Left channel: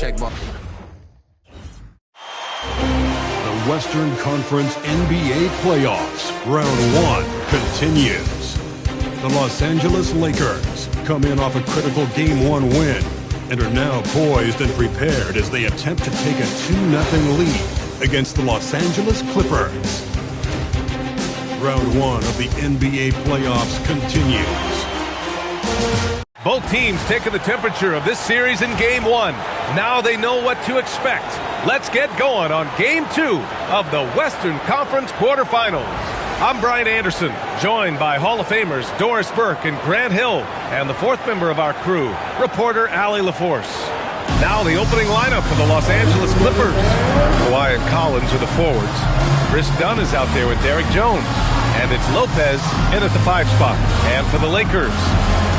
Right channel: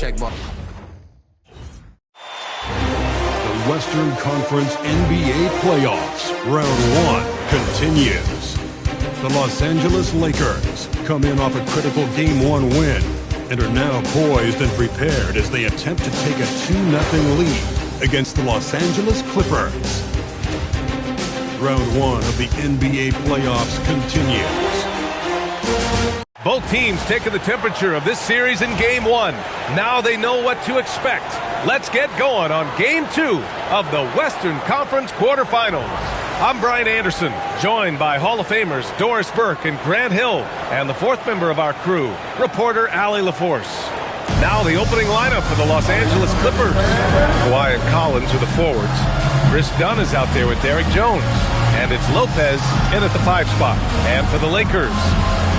Check ball. The Western Conference NBA Playoffs, Round 1, continues. The Los Angeles Lakers come in off a critical Game 1 win and are now poised and prepared as they attempt to take a 2-0 lead against the Los Angeles Clippers. Round 1 of the NBA Playoffs continues. Both teams taking the temperature of this series in Game 1. Now they know what to expect. Let's get going on Game 2 of the Western Conference quarterfinals. I'm Brian Anderson, joined by Hall of Famers Doris Burke and Grant Hill, and the fourth member of our crew, reporter Allie LaForce. Now the opening lineup for the Los Angeles Clippers. Kawhi and Collins are the forwards. Chris Dunn is out there with Derek Jones. And it's Lopez in at the 5 spot. And for the Lakers,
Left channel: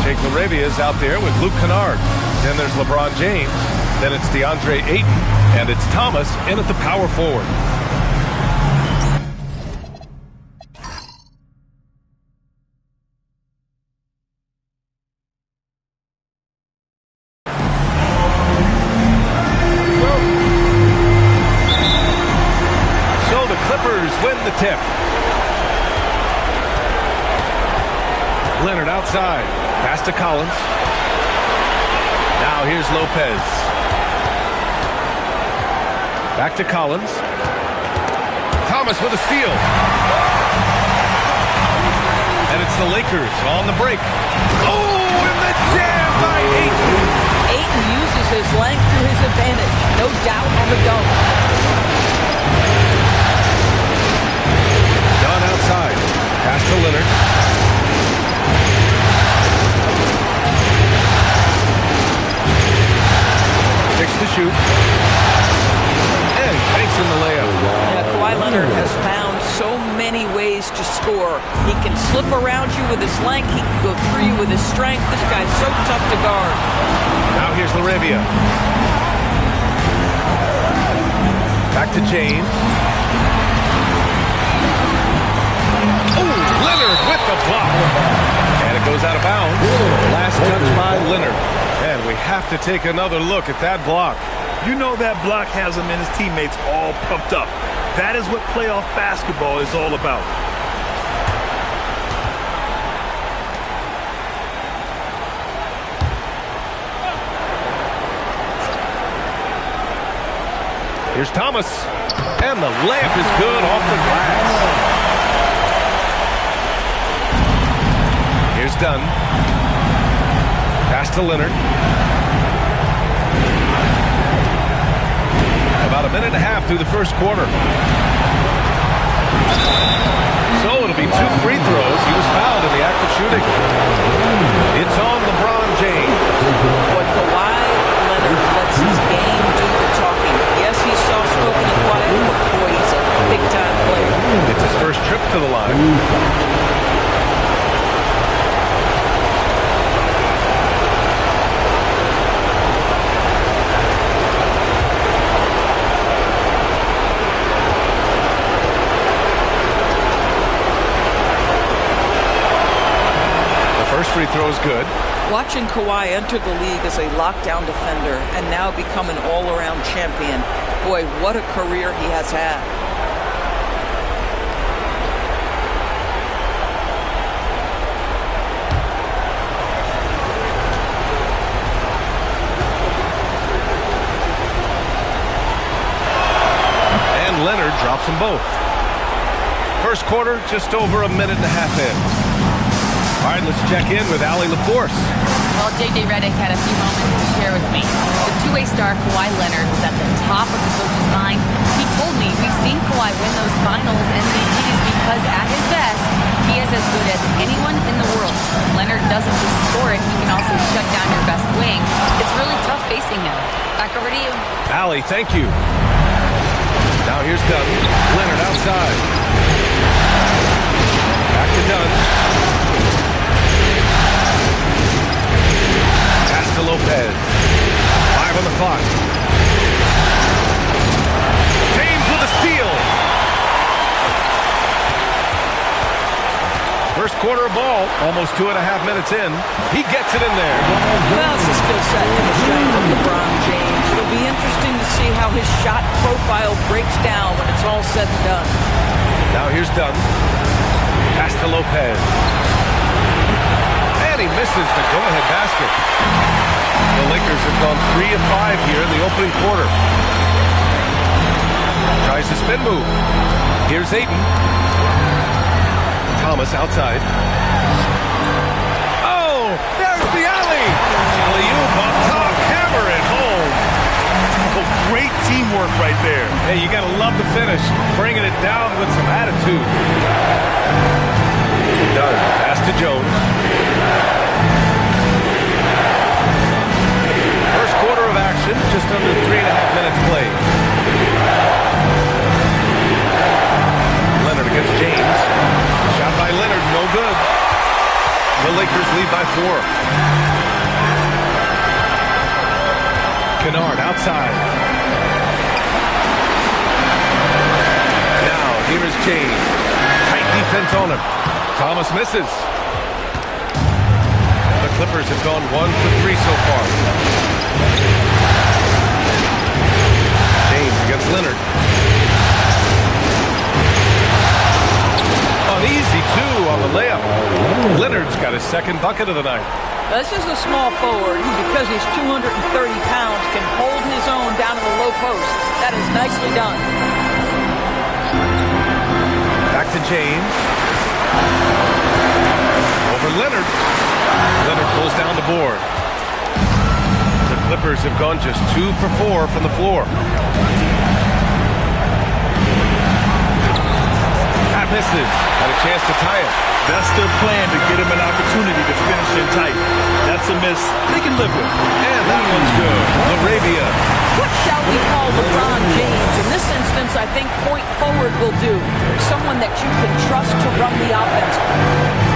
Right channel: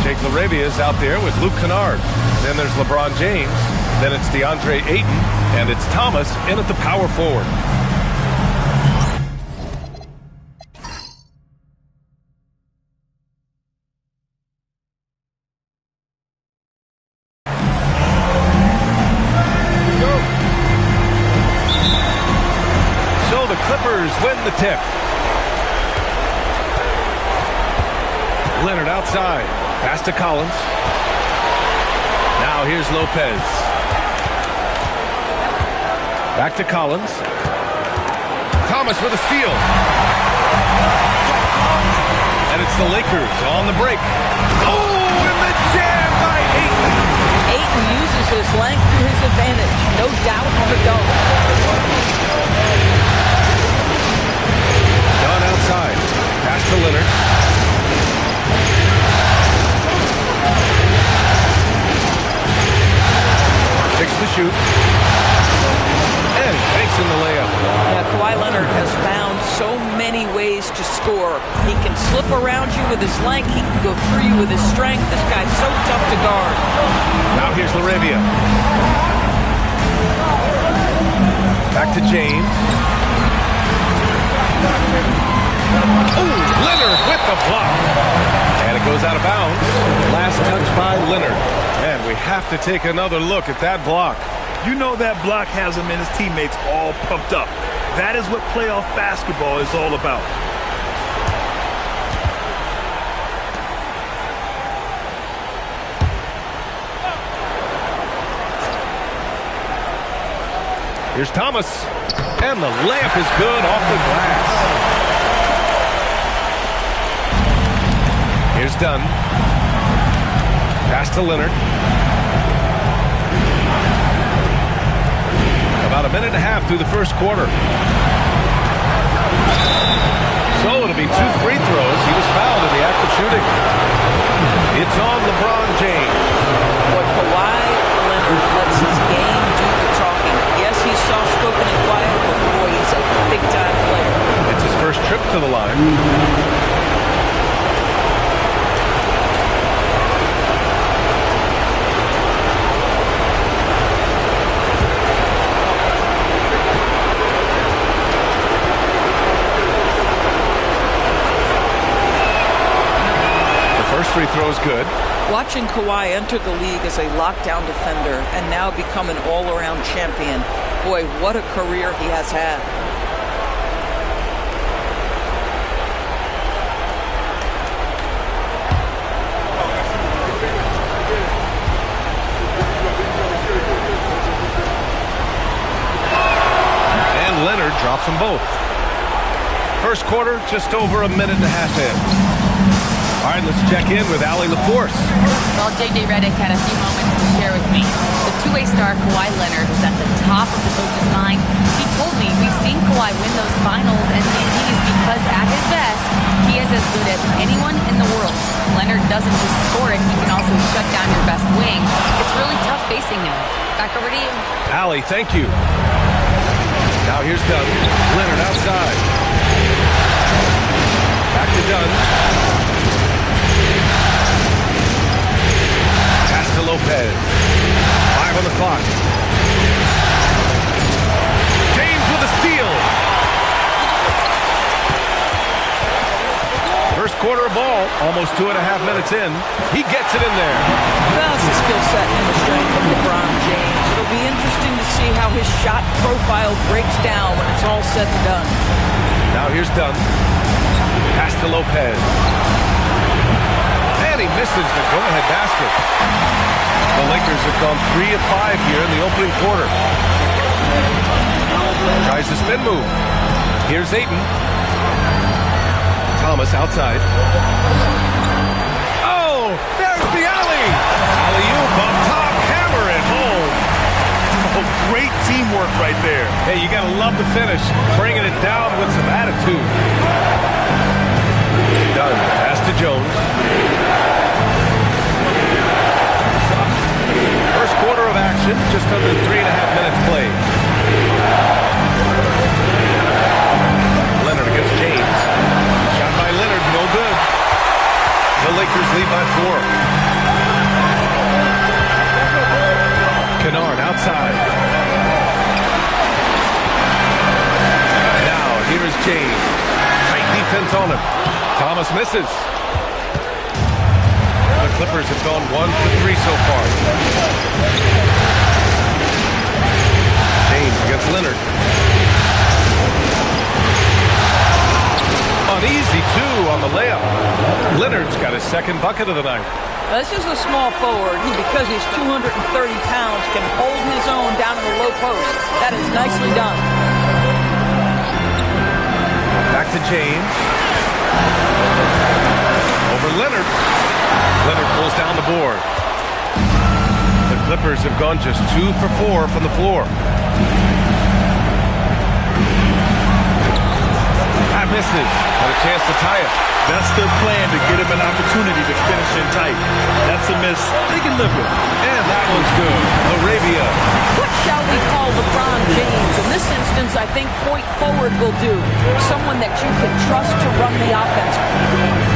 Jake LaRavia is out there with Luke Kennard. Then there's LeBron James. Then it's DeAndre Ayton. And it's Thomas in at the power forward. So the Clippers win the tip. Leonard outside. Pass to Collins. Now here's Lopez. Back to Collins. Thomas with a steal. And it's the Lakers on the break. Oh, and the jam by Ayton. Ayton uses his length to his advantage. No doubt on the dunk. Dunn outside. Pass to Leonard. 6 to shoot. And he banks in the layup. Yeah, Kawhi Leonard has found so many ways to score. He can slip around you with his length. He can go through you with his strength. This guy's so tough to guard. Now here's LaRavia. Back to James. Oh, Leonard with the block. And it goes out of bounds. Last touch by Leonard. And we have to take another look at that block. You know that block has him and his teammates all pumped up. That is what playoff basketball is all about. Here's Thomas. And the layup is good off the glass. Here's Dunn. Pass to Leonard. About a minute and a half through the first quarter. So it'll be 2 free throws. He was fouled in the act of shooting. It's on LeBron James. Boy, Kawhi Leonard lets his game do the talking. Yes, he's soft-spoken and quiet, but boy, he's a big-time player. It's his first trip to the line. First free throw is good. Watching Kawhi enter the league as a lockdown defender and now become an all-around champion, boy, what a career he has had. And Leonard drops them both. First quarter, just over a minute and a half in. All right, let's check in with Allie LaForce. Well, J.J. Redick had a few moments to share with me. The two-way star Kawhi Leonard was at the top of the coach's mind. He told me we've seen Kawhi win those finals MVPs because at his best, he is as good as anyone in the world. Leonard doesn't just score it, he can also shut down your best wing. It's really tough facing him. Back over to you. Allie, thank you. Now here's Dunn. Leonard outside. Back to Dunn. Pass to Lopez. 5 on the clock. James with a steal. First quarter of ball, almost 2.5 minutes in. He gets it in there. Well, it's the skill set and the strength of LeBron James. It'll be interesting see how his shot profile breaks down when it's all said and done. Now here's Dunn. Pass to Lopez. And he misses the go-ahead basket. The Lakers have gone 3 of 5 here in the opening quarter. Tries the spin move. Here's Ayton. Thomas outside. Oh, there's the alley. Alley-oop up top, hammer it home. Oh, great teamwork right there. Hey, you gotta love the finish, bringing it down with some attitude. Done. Pass to Jones. First quarter of action, just under 3.5 minutes played. Leonard against James. Shot by Leonard, no good. The Lakers lead by 4. Kennard outside. Now, here is James. Tight defense on him. Thomas misses. The Clippers have gone 1 for 3 so far. James against Leonard. Uneasy, too, on the layup. Leonard's got his second bucket of the night. This is a small forward who, because he's 230 pounds, can hold his own down in the low post. That is nicely done. Back to James. Over Leonard. Leonard pulls down the board. The Clippers have gone just 2 for 4 from the floor. That misses. Got a chance to tie it. That's their plan, to get him an opportunity to finish in tight. That's a miss they can live with. And that one's good. Arabia. What shall we call LeBron James? In this instance, I think point forward will do. Someone that you can trust to run the offense.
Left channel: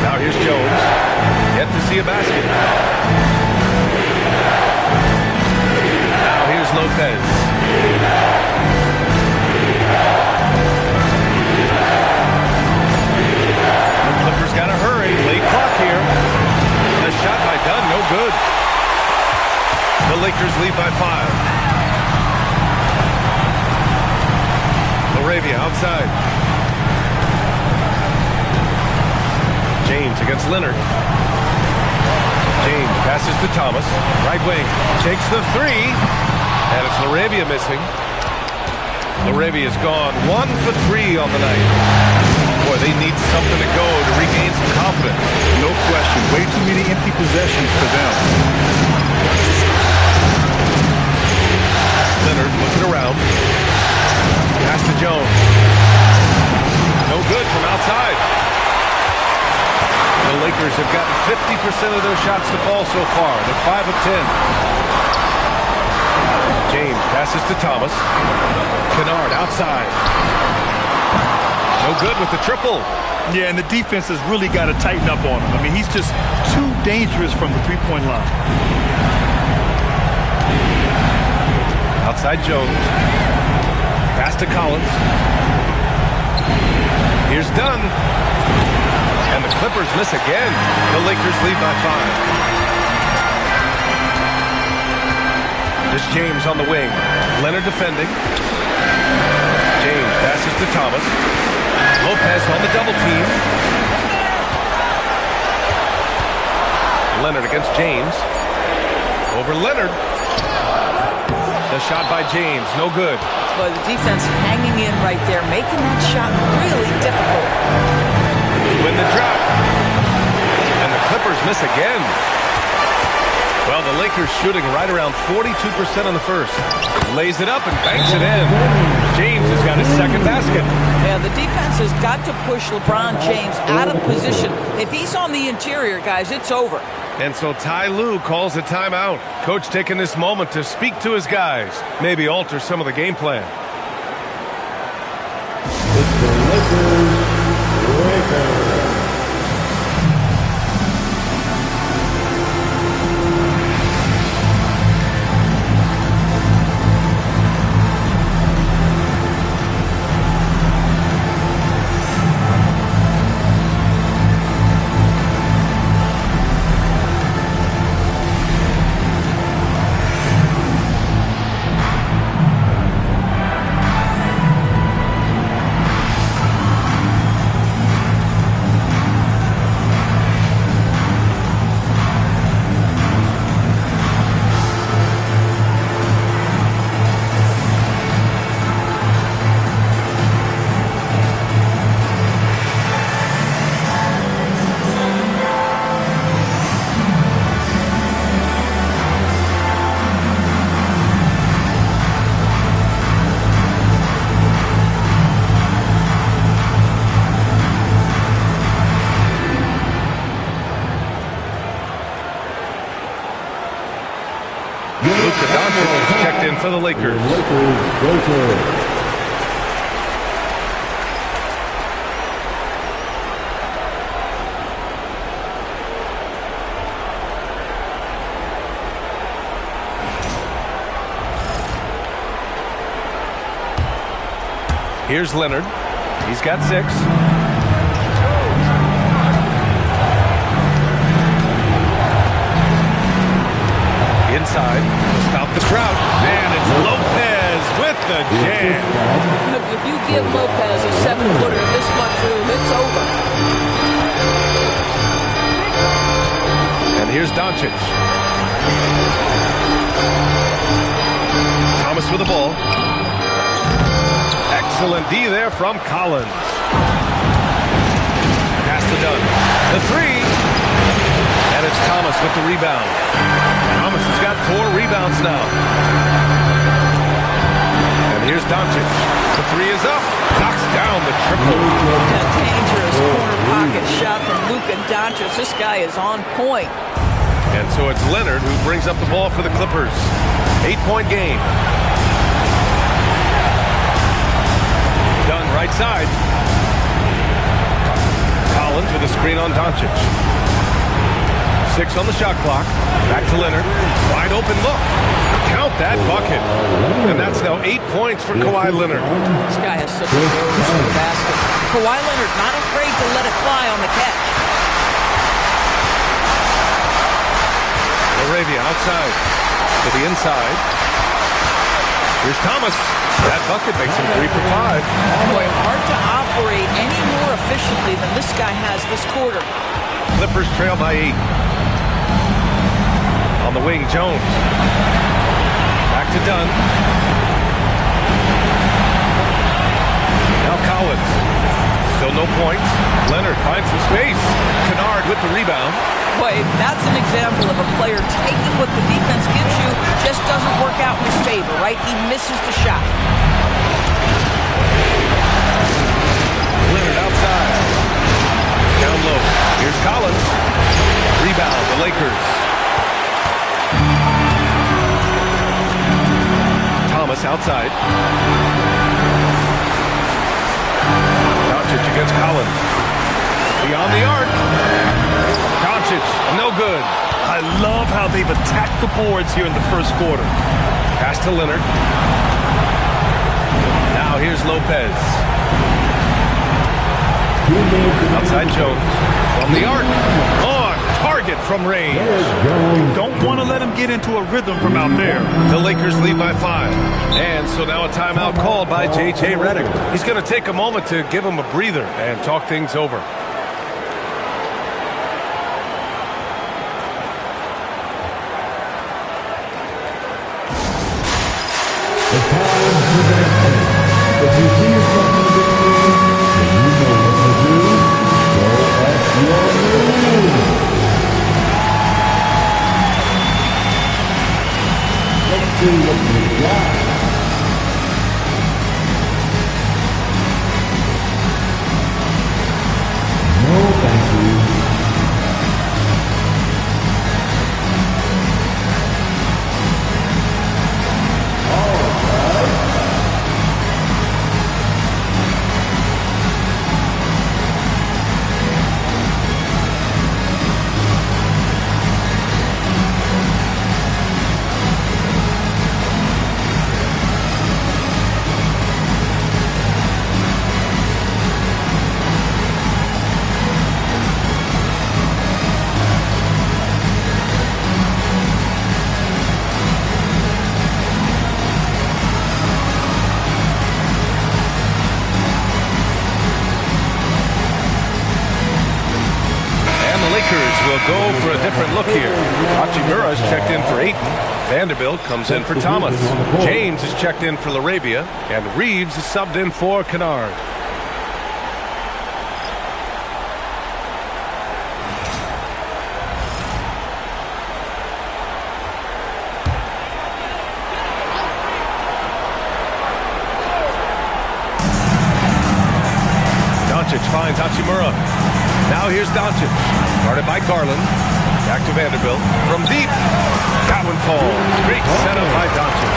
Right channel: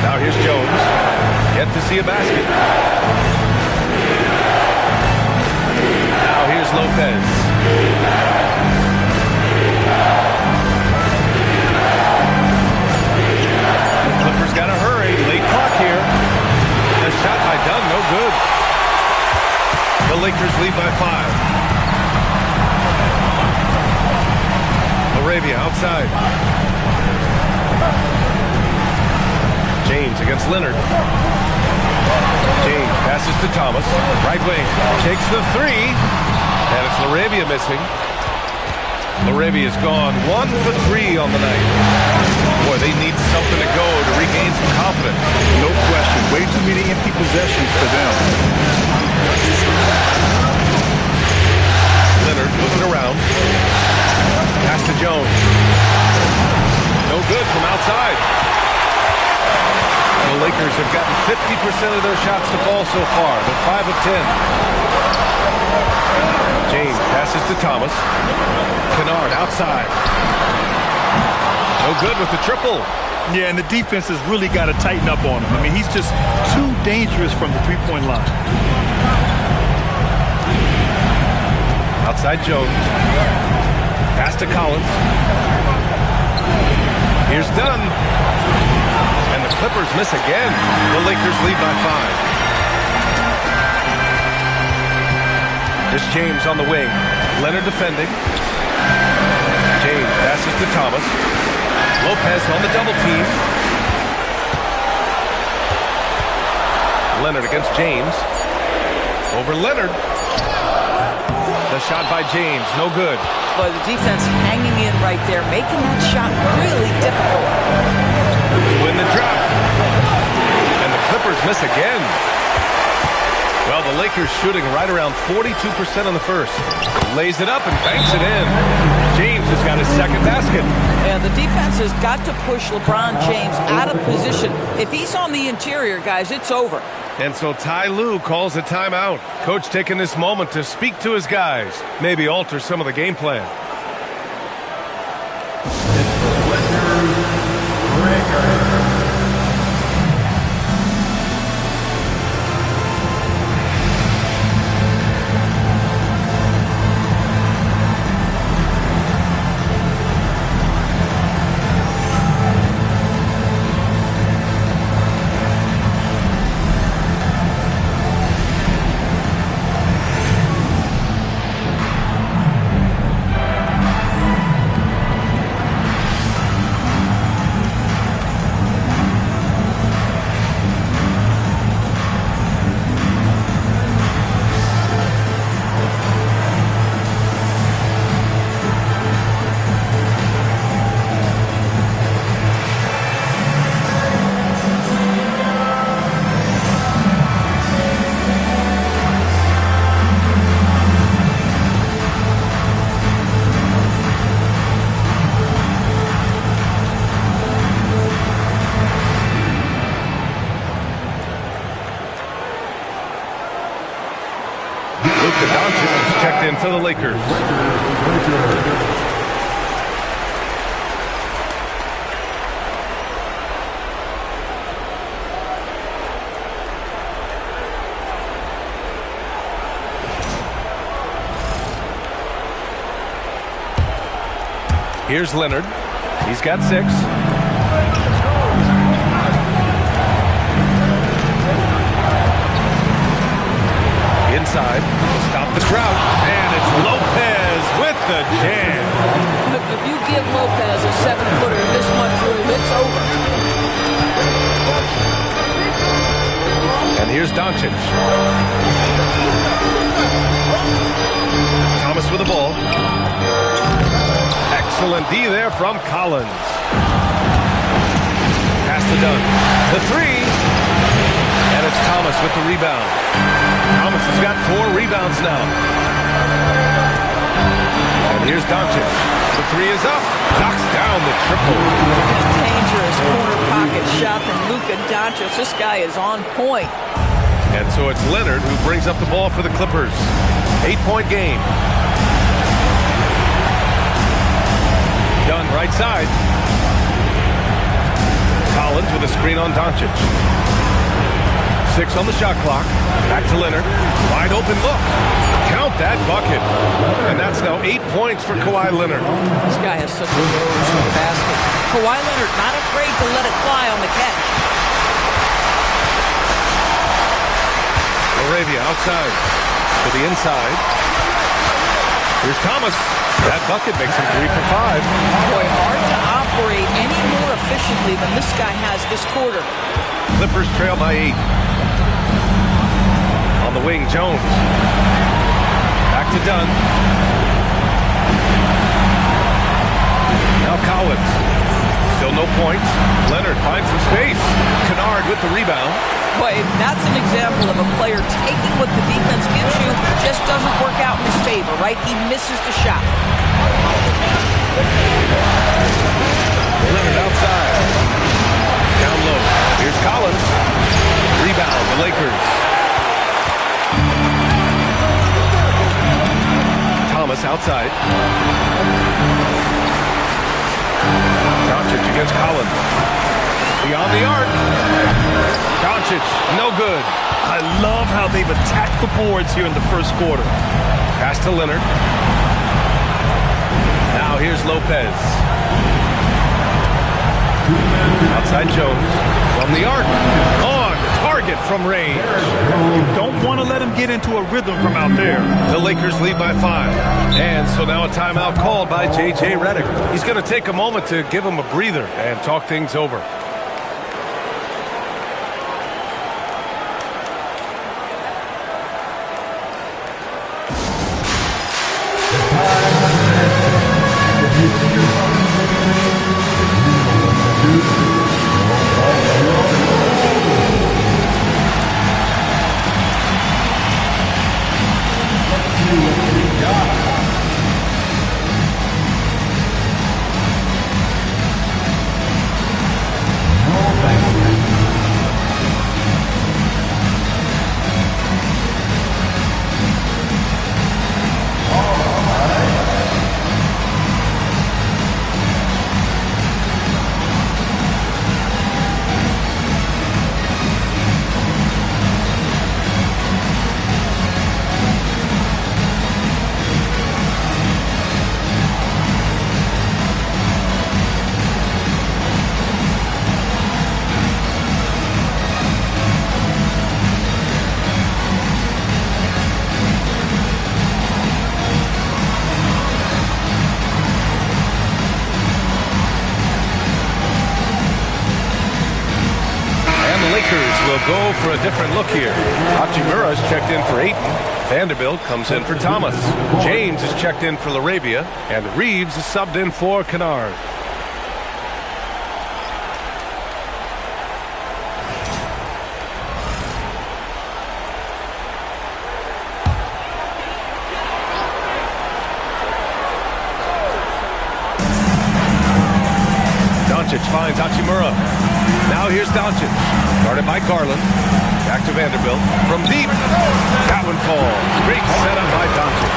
Now here's Jones. Yet to see a basket. Now here's Lopez. Clippers got to hurry. Late clock here. The shot by Dunn, no good. The Lakers lead by 5. Arabia outside. James against Leonard. James passes to Thomas. Right wing. Takes the 3. And it's Arabia missing. Arabia's gone 1 for 3 on the night. Boy, they need something to go to regain some confidence. No question. Way too many empty possessions for them. Leonard looking around. Pass to Jones. No good from outside. The Lakers have gotten 50% of their shots to fall so far. They're 5 of 10. James passes to Thomas. Kennard outside. No good with the triple. Yeah, and the defense has really got to tighten up on him. I mean, he's just too dangerous from the three-point line. Outside Jones. Pass to Collins. Here's Dunn. And the Clippers miss again. The Lakers lead by 5. There's James on the wing. Leonard defending. James passes to Thomas. Lopez on the double team. Leonard against James. Over Leonard. The shot by James, no good. But the defense hanging in right there, making that shot really difficult. To win the drop. And the Clippers miss again. Well, the Lakers shooting right around 42% in the first. Lays it up and banks it in. James has got his second basket. Yeah, the defense has got to push LeBron James out of position. If he's on the interior, guys, it's over. And so Ty Lue calls a timeout. Coach taking this moment to speak to his guys. Maybe alter some of the game plan. It's the Lakers. Doncic is checked in for the Lakers. Here's Leonard. He's got 6. Inside to stop the drought. And it's Lopez with the jam. If you give Lopez a 7-footer in this much room, it's over. And here's Doncic. Thomas with the ball. Excellent D there from Collins. Pass to Dunn. The 3. And it's Thomas with the rebound. Thomas has got 4 rebounds now. And here's Doncic. The 3 is up. Knocks down the triple. A dangerous corner pocket shot from Luka Doncic. This guy is on point. And so it's Leonard who brings up the ball for the Clippers. 8-point game. Dunn right side. Collins with a screen on Doncic. 6 on the shot clock. Back to Leonard. Wide open look. Count that bucket. And that's now 8 points for Kawhi Leonard. This guy has such a nose for the basket. Kawhi Leonard not afraid to let it fly on the catch. LaRavia outside to the inside. Here's Thomas. That bucket makes him 3 for 5. Boy, hard to operate any more efficiently than this guy has this quarter. Clippers trail by 8. On the wing, Jones. Back to Dunn. Now Collins. Still no points. Leonard finds some space. Kennard with the rebound. Boy, that's an example of a player taking what the defense gives you, just doesn't work out in his favor, right? He misses the shot. Leonard outside. Down low. Here's Collins. Rebound, the Lakers. Thomas outside. Doncic against Collins. Beyond the arc. Doncic, no good. I love how they've attacked the boards here in the first quarter. Pass to Leonard. Now here's Lopez. Outside Jones. From the arc. On target from range. You don't want to let him get into a rhythm from out there. The Lakers lead by 5. And so now a timeout called by J.J. Redick. He's going to take a moment to give him a breather and talk things over. If you see yourself in the game, and you know what to do, go as you are. Let's see what we got. No, thank you. Lakers will go for a different look here. Hachimura is checked in for Ayton. Vanderbilt comes in for Thomas. James is checked in for LaRavia. And Reeves is subbed in for Kennard. Doncic finds Hachimura. Now here's Doncic. Guarded by Garland. Back to Vanderbilt. From deep. That one falls. Great setup by Doncic.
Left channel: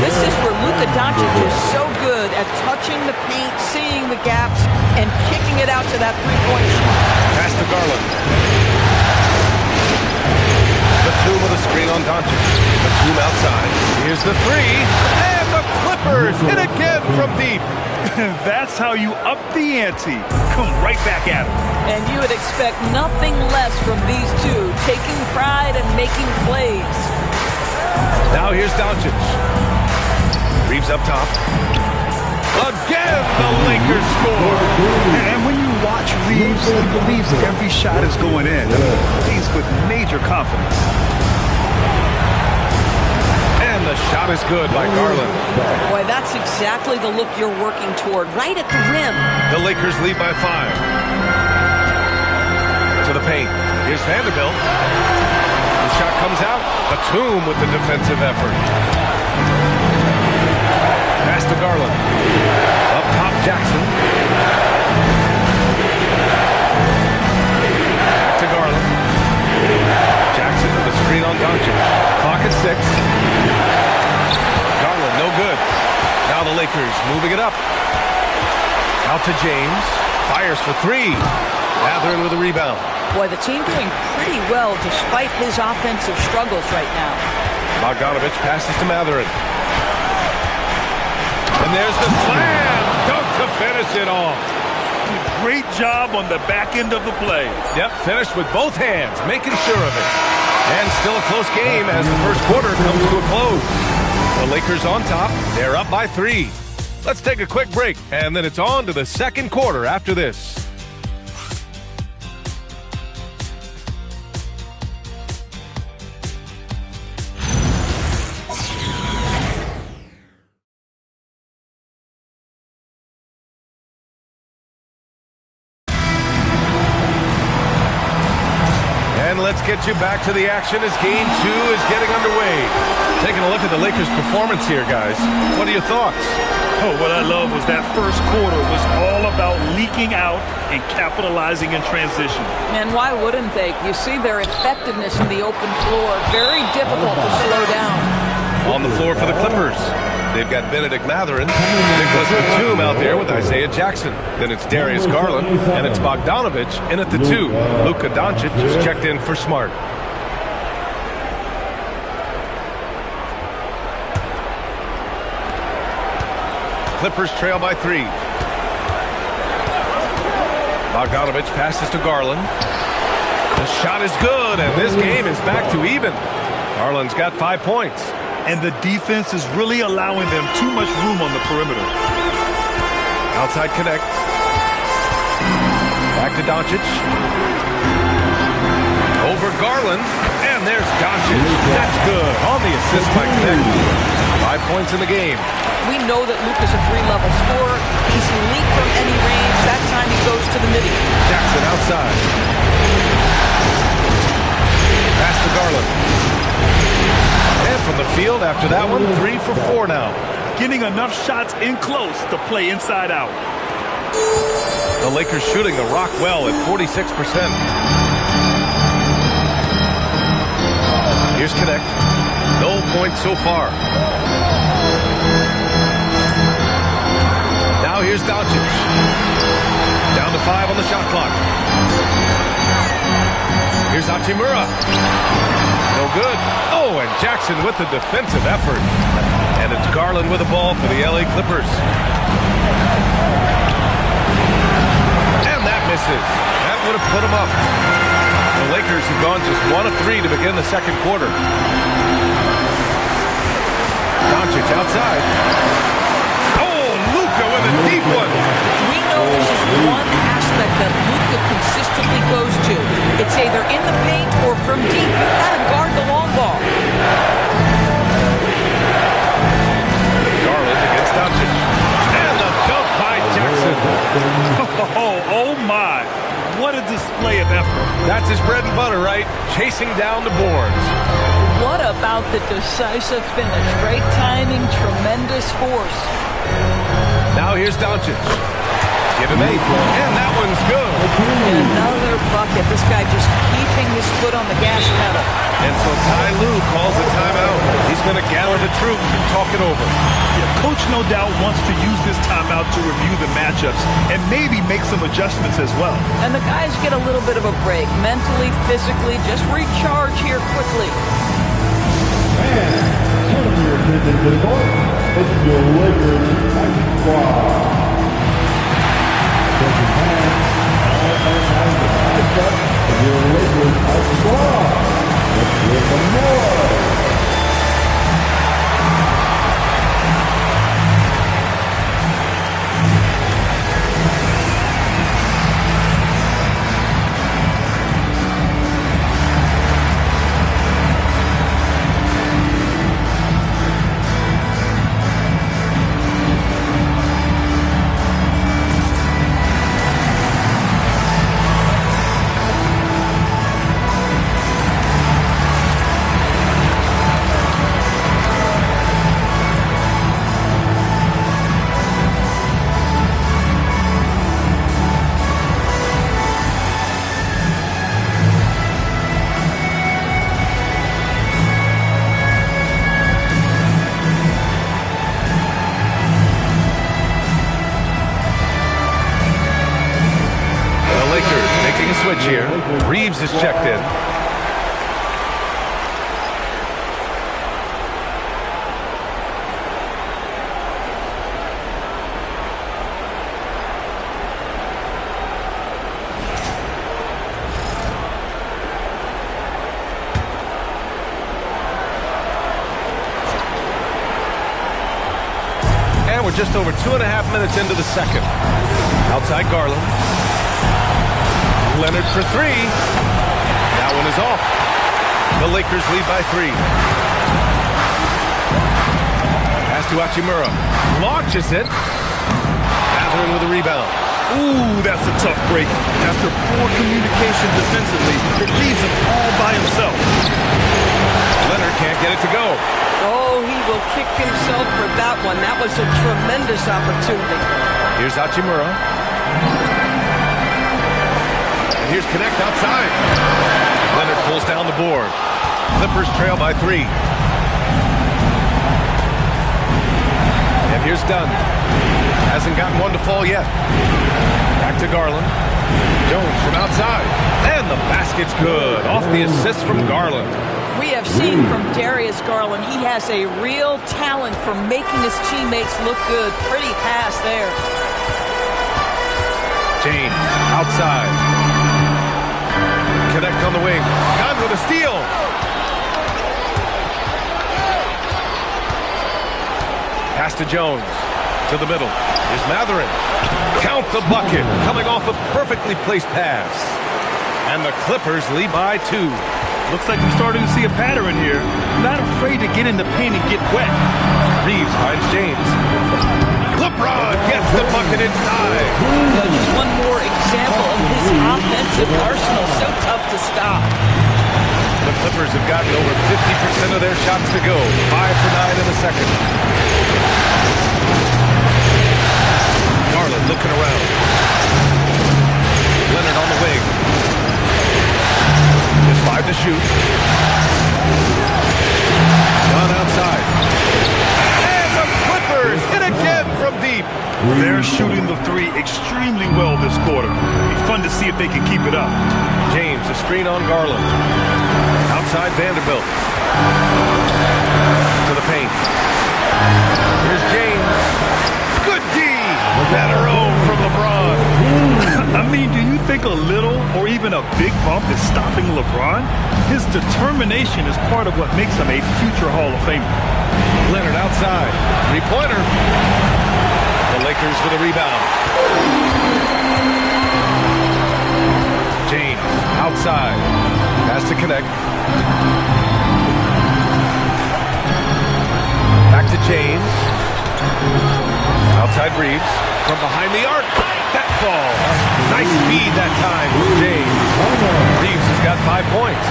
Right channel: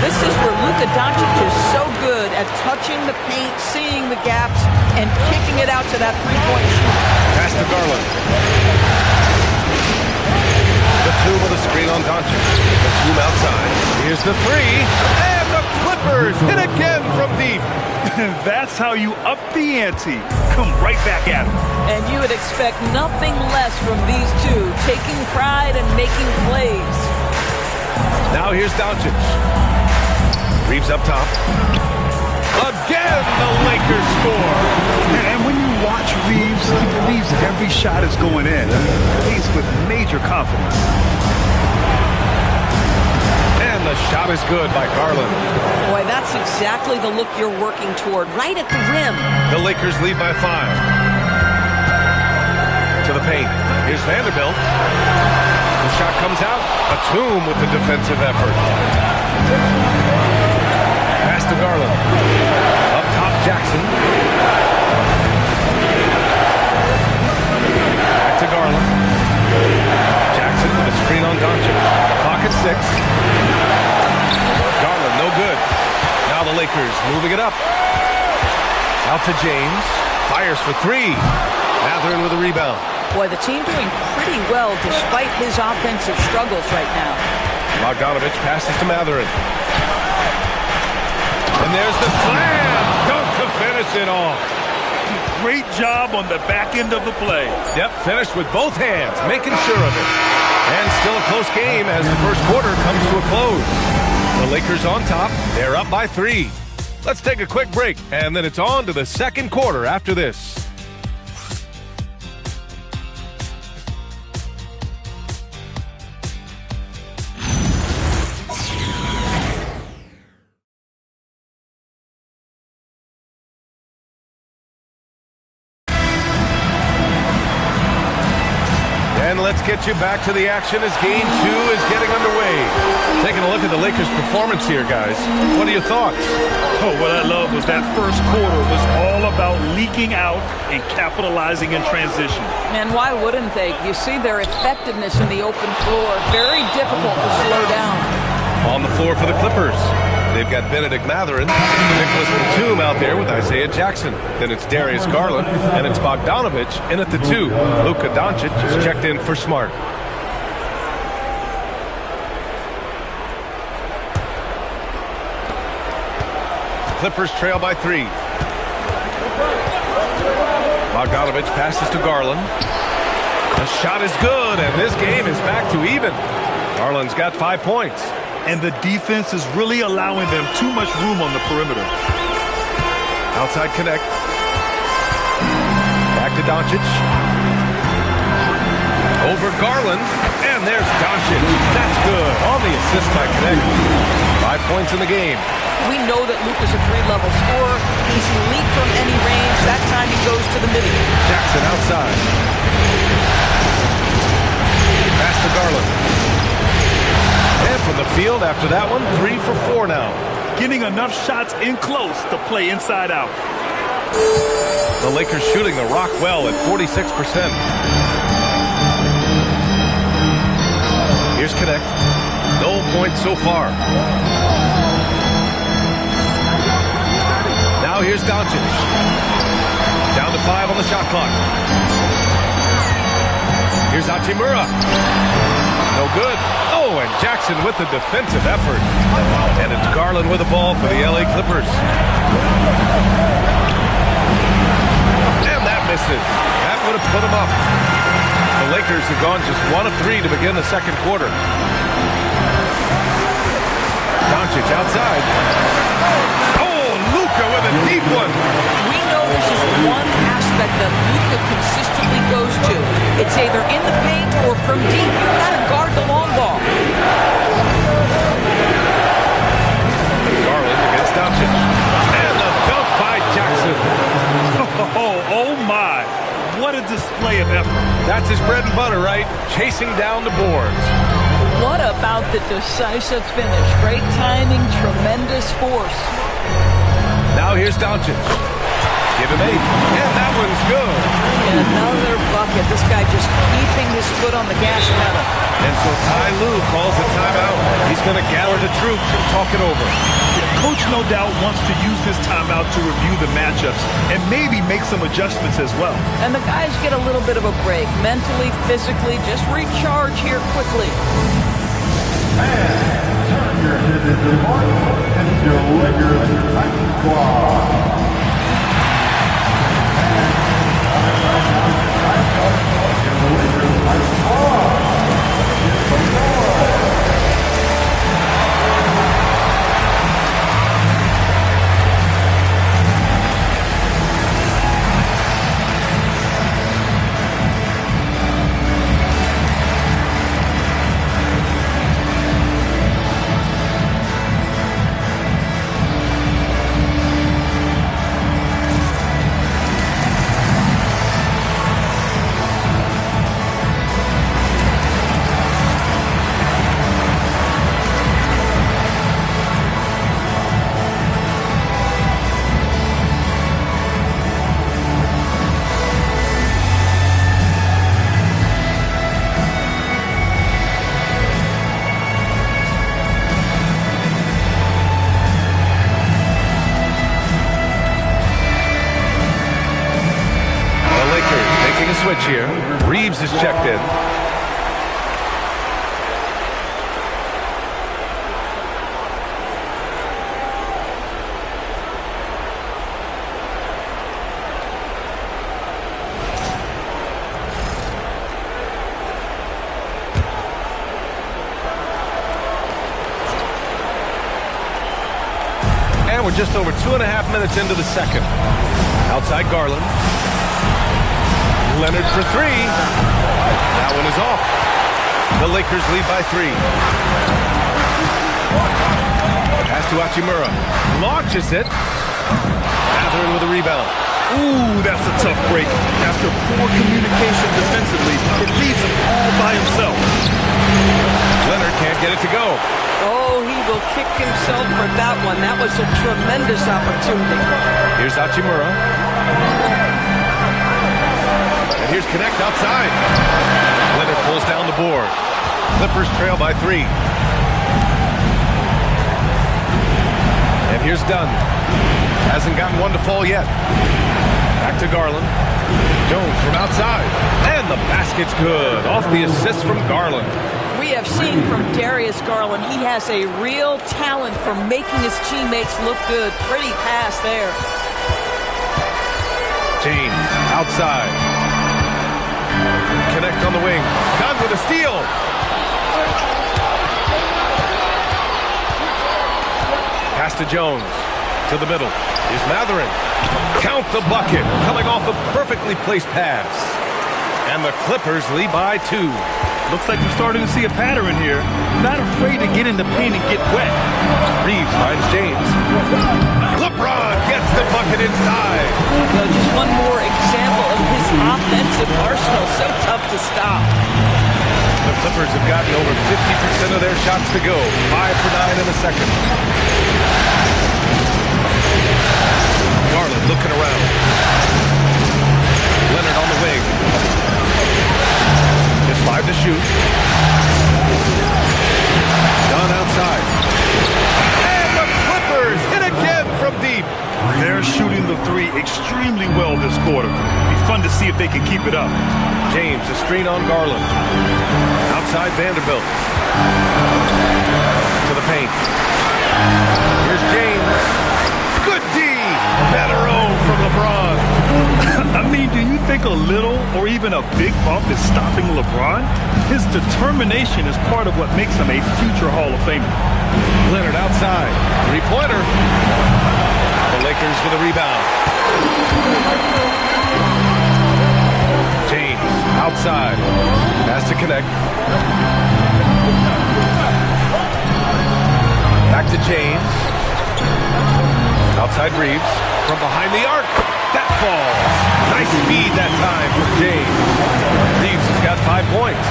This is where Luka Doncic is so good at touching the paint, seeing the gaps, and kicking it out to that three-point shot. Pass to Garland. Batum with a screen on Doncic. Batum outside. Here's the three. And the Clippers hit again from deep. That's how you up the ante. Come right back at him. And you would expect nothing less from these two, taking pride and making plays. Now here's Doncic. Reeves up top. Again, the Lakers score. And when you watch Reeves, he believes that every shot is going in. I mean, he plays with major confidence. And the shot is good by Garland. Boy, that's exactly the look you're working toward, right at the rim. The Lakers lead by 5. To the paint. Here's Vanderbilt. The shot comes out. Batum with the defensive effort. Pass to Garland. Up top, Jackson. Back to Garland. Jackson with a screen on Doncic. Clock at 6. Garland, no good. Now the Lakers moving it up. Out to James. Fires for 3. Mathurin with a rebound. Boy, the team doing pretty well despite his offensive struggles right now. Bogdanovich passes to Mathurin. And there's the slam dunk to finish it off. Great job on the back end of the play. Yep, finished with both hands, making sure of it. And still a close game as the first quarter comes to a close. The Lakers on top. They're up by 3. Let's take a quick break, and then it's on to the second quarter after this. And let's get you back to the action as Game 2 is getting underway. Taking a look at the Lakers' performance here, guys. What are your thoughts? Oh, what I love was that first quarter was all about leaking out and capitalizing in transition. And why wouldn't they? You see their effectiveness in the open floor. Very difficult to slow down. On the floor for the Clippers. They've got Benedict Mathurin, Nicholas Batum out there with Isaiah Jackson. Then it's Darius Garland, and it's Bogdanovich in at the 2. Luka Doncic is checked in for Smart. Clippers trail by 3. Bogdanovich passes to Garland. The shot is good, and this game is back to even. Garland's got 5 points. And the defense is really allowing them too much room on the perimeter. Outside connect. Back to Doncic. Over Garland. And there's Doncic. That's good. On the assist by Connect. 5 points in the game. We know that Luka's a 3-level scorer. He's elite from any range. That time he goes to the middle. Jackson outside. Pass to Garland. And from the field after that one, 3 for 4 now. Getting enough shots in close to play inside out. The Lakers shooting the rock well at 46%. Here's Connect. No points so far. Now here's Doncic. Down to 5 on the shot clock. Here's Hachimura. No good. Oh, and Jackson with the defensive effort. And it's Garland with the ball for the LA Clippers. And that misses. That would have put them up. The Lakers have gone just 1 of 3 to begin the second quarter. Doncic outside. Oh, Luka with a deep one. We know this is one aspect that Luka consistently goes to. It's either in the paint or from deep. You've got to guard the long ball. Garland against Doncic. And the dunk by Jackson. Oh my. What a display of effort. That's his bread and butter, right? Chasing down the boards. What about the decisive finish? Great timing, tremendous force. Now here's Doncic. Give him 8. And that one's good. Another bucket. This guy just keeping his foot on the gas pedal. And so Ty Lue calls a timeout. He's going to gather the troops and talk it over. Yeah, Coach no doubt wants to use this timeout to review the matchups and maybe make some adjustments as well. And the guys get a little bit of a break. Mentally, physically, just recharge here quickly. And turn your attention to the court. It's your Lakers Ice Squad. Attention fans, all the ice up of your Lakers Ice Squad. Let's hear some more. Making a switch here. Reeves is checked in. And we're just over 2.5 minutes into the second. Outside Garland. Leonard for 3. That one is off. The Lakers lead by 3. Pass to Hachimura. Launches it. Mathurin with a rebound. Ooh, that's a tough break. After poor communication defensively, it leaves him all by himself. Leonard can't get it to go. Oh, he will kick himself for that one. That was a tremendous opportunity. Here's Hachimura. And here's Connect outside. Leonard pulls down the board. Clippers trail by 3. And here's Dunn. Hasn't gotten one to fall yet. Back to Garland. Jones from outside. And the basket's good. Off the assist from Garland. We have seen from Darius Garland, he has a real talent for making his teammates look good. Pretty pass there. James outside. Connect on the wing. Gunn with a steal. Pass to Jones. To the middle. Here's Mathurin. Count the bucket. Coming off a perfectly placed pass. And the Clippers lead by 2. Looks like we're starting to see a pattern here. Not afraid to get in the paint and get wet. Reeves finds James. LeBron gets the bucket inside. Just one more example of his offensive arsenal. So tough to stop. The Clippers have gotten over 50% of their shots to go. 5 for 9 in the second. Garland looking around. Leonard on the wing. Just 5 to shoot. Dunn outside. And the Clippers hit again from deep. They're shooting the 3 extremely well this quarter. Be fun to see if they can keep it up. James, a screen on Garland. Outside Vanderbilt. To the paint. Here's James. Good D. Better O from LeBron. I mean, do you think a little or even a big bump is stopping LeBron? His determination is part of what makes him a future Hall of Famer. Leonard outside. 3-pointer. The Lakers with a rebound. James outside. Pass to Connect. Back to James. Outside Reeves. From behind the arc. That falls. Nice feed that time from James. Reeves has got 5 points.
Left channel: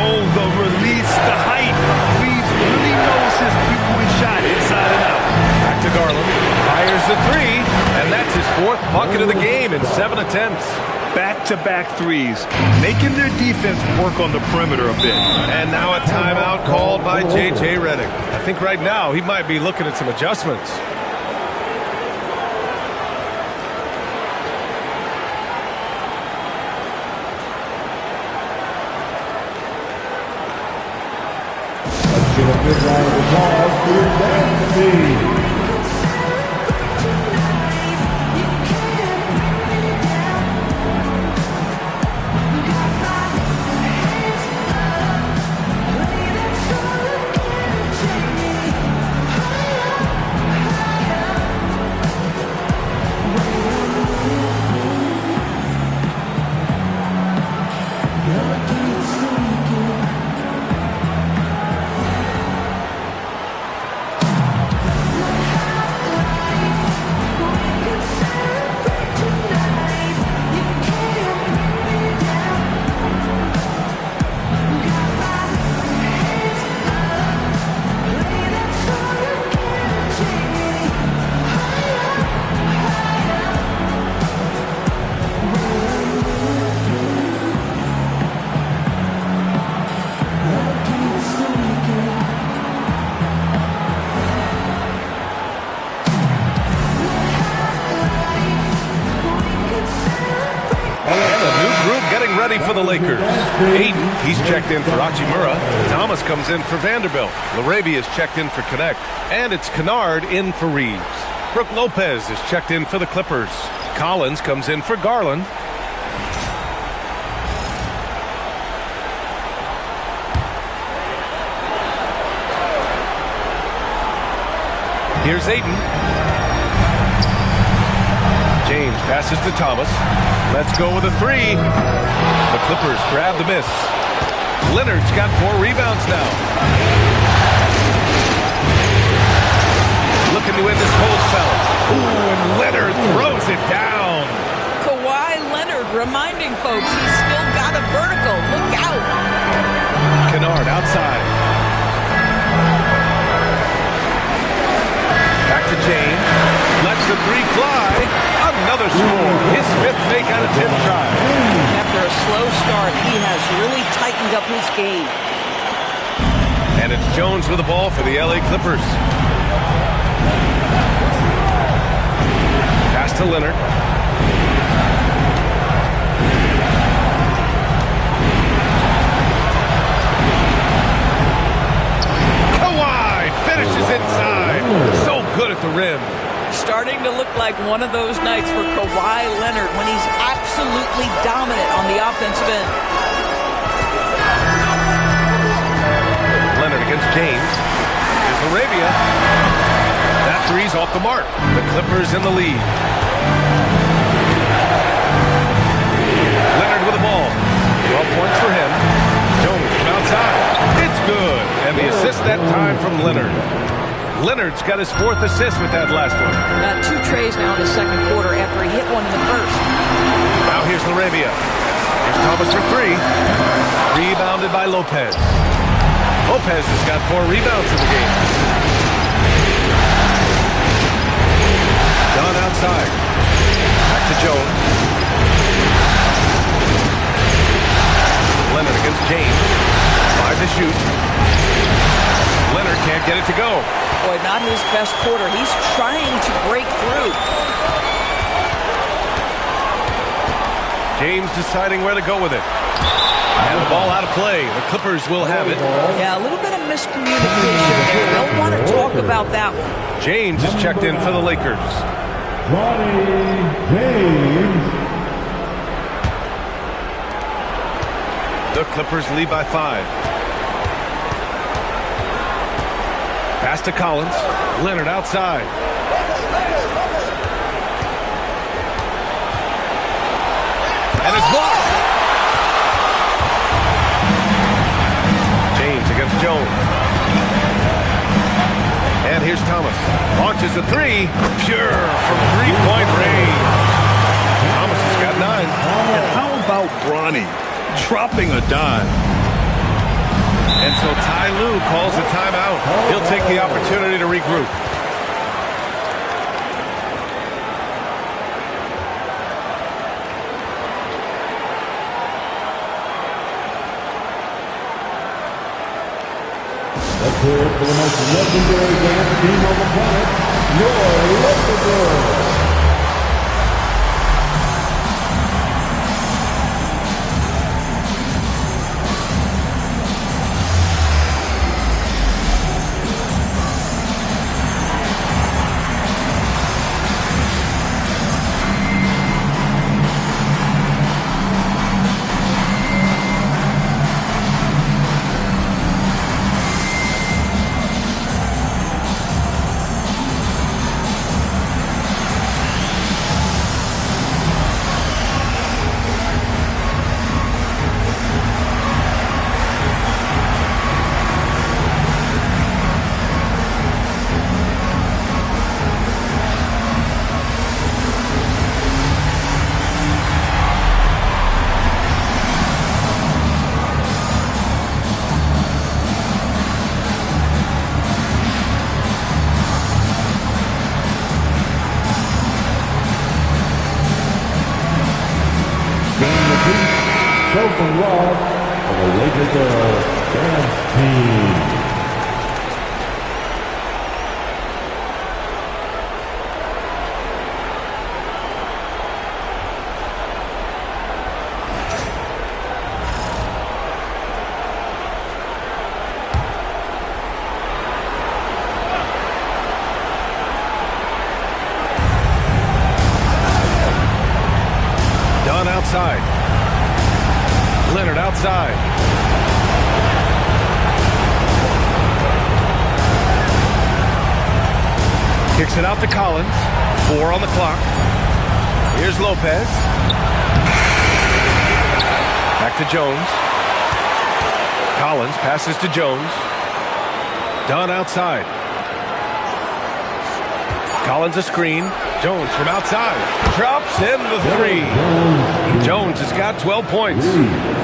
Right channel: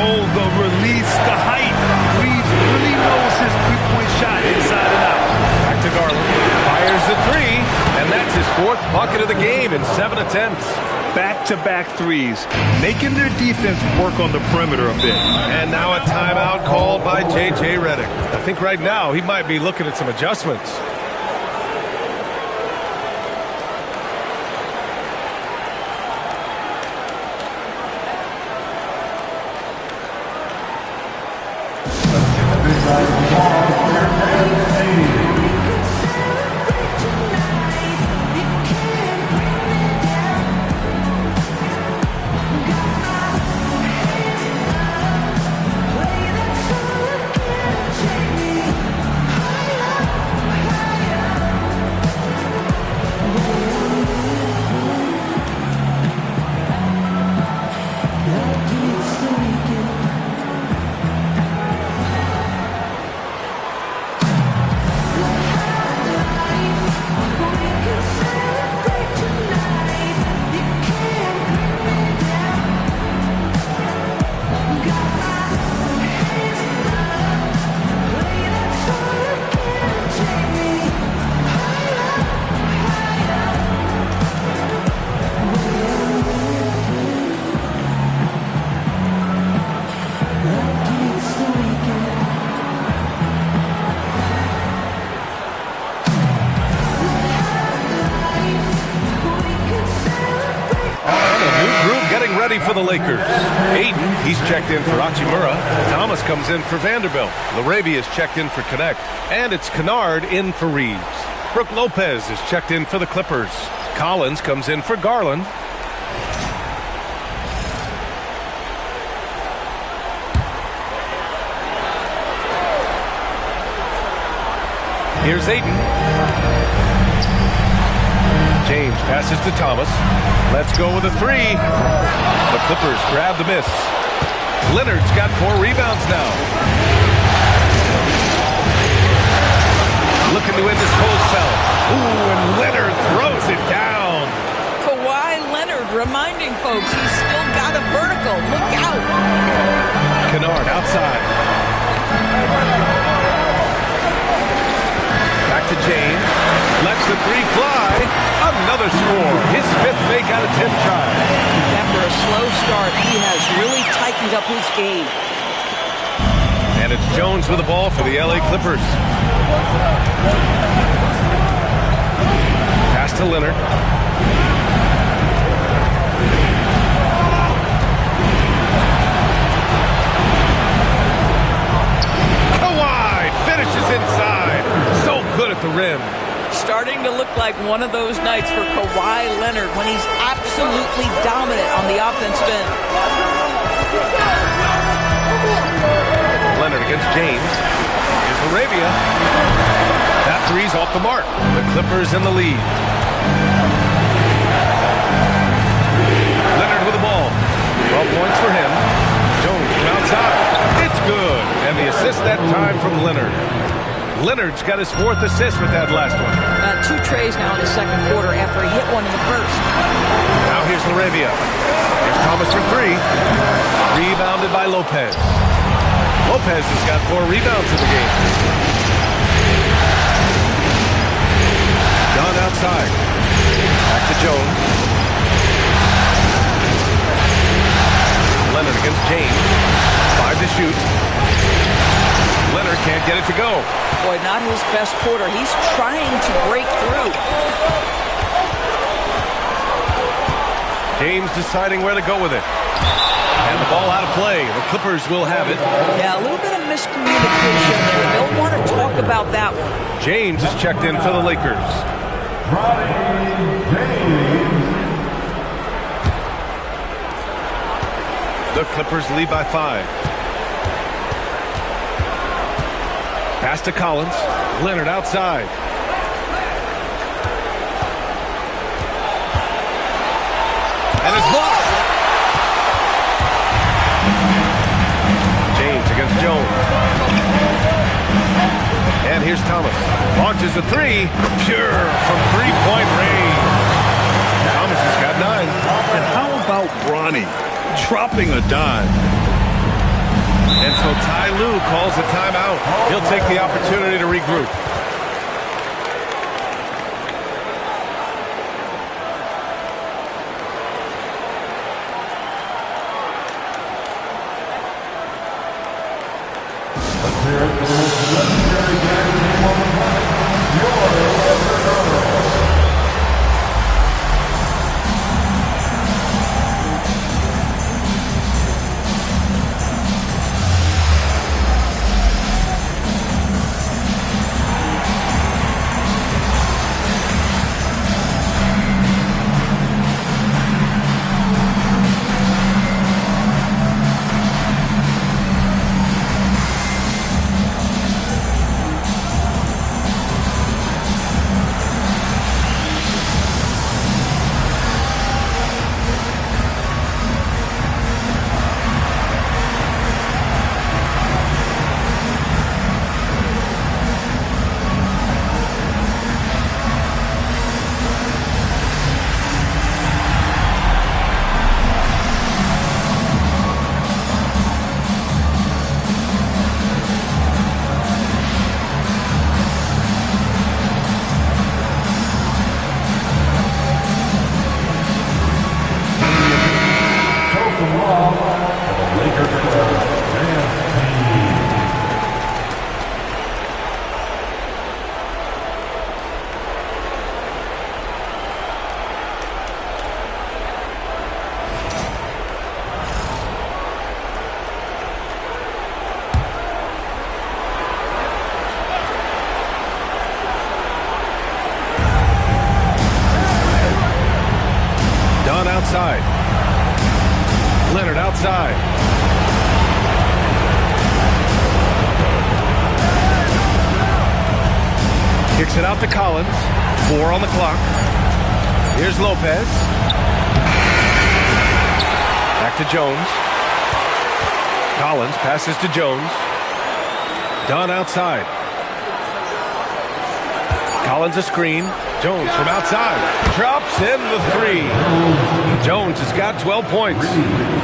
Oh, the release, the height. Reeves really knows his three-point shot inside and out. Back to Garland. Fires the three, and that's his 4th bucket of the game in 7 attempts. Back-to-back threes, making their defense work on the perimeter a bit. And now a timeout called by J.J. Redick. I think right now he might be looking at some adjustments. Ready for the Lakers. Aiden, he's checked in for Hachimura. Thomas comes in for Vanderbilt. Larabia's checked in for Connect. And it's Kennard in for Reeves. Brooke Lopez is checked in for the Clippers. Collins comes in for Garland. Here's Aiden. James passes to Thomas. Let's go with a three. The Clippers grab the miss. Leonard's got 4 rebounds now. Looking to end this cold spell. Ooh, and Leonard throws it down. Kawhi Leonard reminding folks he's still got a vertical. Look out. Kennard outside. Back to James. Lets the three fly. Another score. His 5th make out of 10 tries. After a slow start, he has really tightened up his game. And it's Jones with the ball for the LA Clippers. Pass to Leonard. Kawhi finishes inside. So good at the rim. Starting to look like one of those nights for Kawhi Leonard when he's absolutely dominant on the offensive end. Leonard against James. Here's Arabia. That three's off the mark. The Clippers in the lead. Leonard with the ball. 12 points for him. Jones from outside. It's good. And the assist that time from Leonard. Leonard's got his 4th assist with that last one. 2 trays now in the second quarter after he hit one in the first. Now here's Larabia. Here's Thomas for 3. Rebounded by Lopez. Lopez has got 4 rebounds in the game. Dunn outside. Back to Jones. Leonard against James. 5 to shoot. Leonard can't get it to go. Boy, not his best quarter. He's trying to break through. James deciding where to go with it. And the ball out of play. The Clippers will have it. Yeah, a little bit of miscommunication there. They'll want to talk about that one. James is checked in for the Lakers. Bronny James. The Clippers lead by 5. Pass to Collins. Leonard outside. And it's blocked. James against Jones. And here's Thomas. Launches a 3. Pure from 3-point range. Thomas has got 9. And how about Bronny dropping a dime? And so Ty Lue calls a timeout. He'll take the opportunity to regroup. prepared for the most legendary dance team on the planet, your Laker Girls. Show some love for the Laker Girls dance team. Dunn outside. Leonard outside. Kicks it out to Collins. 4 on the clock. Here's Lopez. Back to Jones. Collins passes to Jones. Dunn outside. Collins a screen. Jones from outside. Drops in the 3. Jones has got 12 points.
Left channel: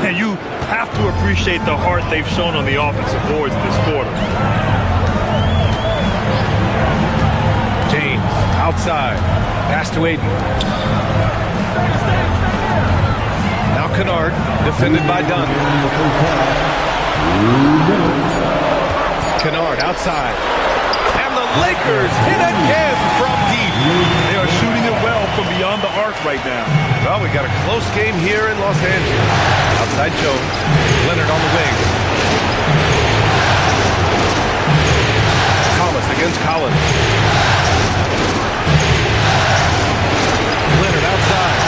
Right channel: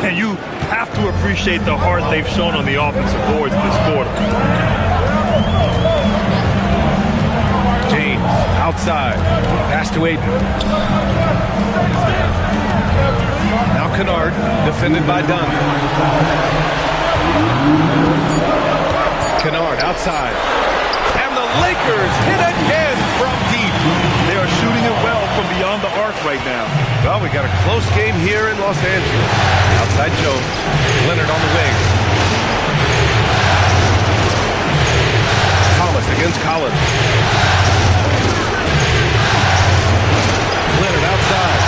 And you have to appreciate the heart they've shown on the offensive boards this quarter. James outside. Pass to Aiden. Now Kennard, defended by Dunn. Kennard outside. And the Lakers hit again from deep. They are shooting it well from beyond the arc right now. Well, we got a close game here in Los Angeles. Outside Jones. Leonard on the wing. Thomas against Collins. Leonard outside.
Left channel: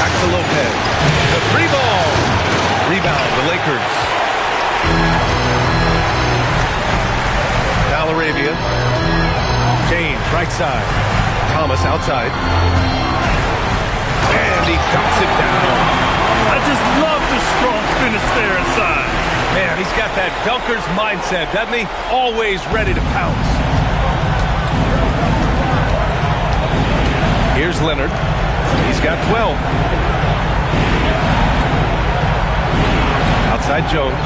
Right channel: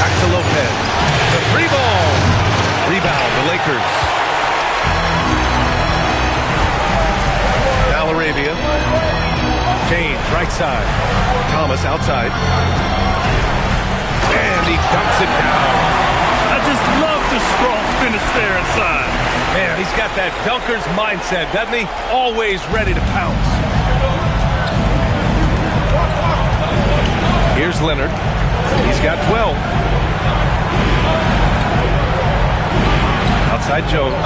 Back to Lopez. The 3-ball. Rebound, the Lakers. Now Arabia. James, right side. Thomas outside. And he dunks it down. I just love the strong finish there inside. Man, he's got that dunker's mindset, doesn't he? Always ready to pounce. Here's Leonard. He's got 12. Outside Jones.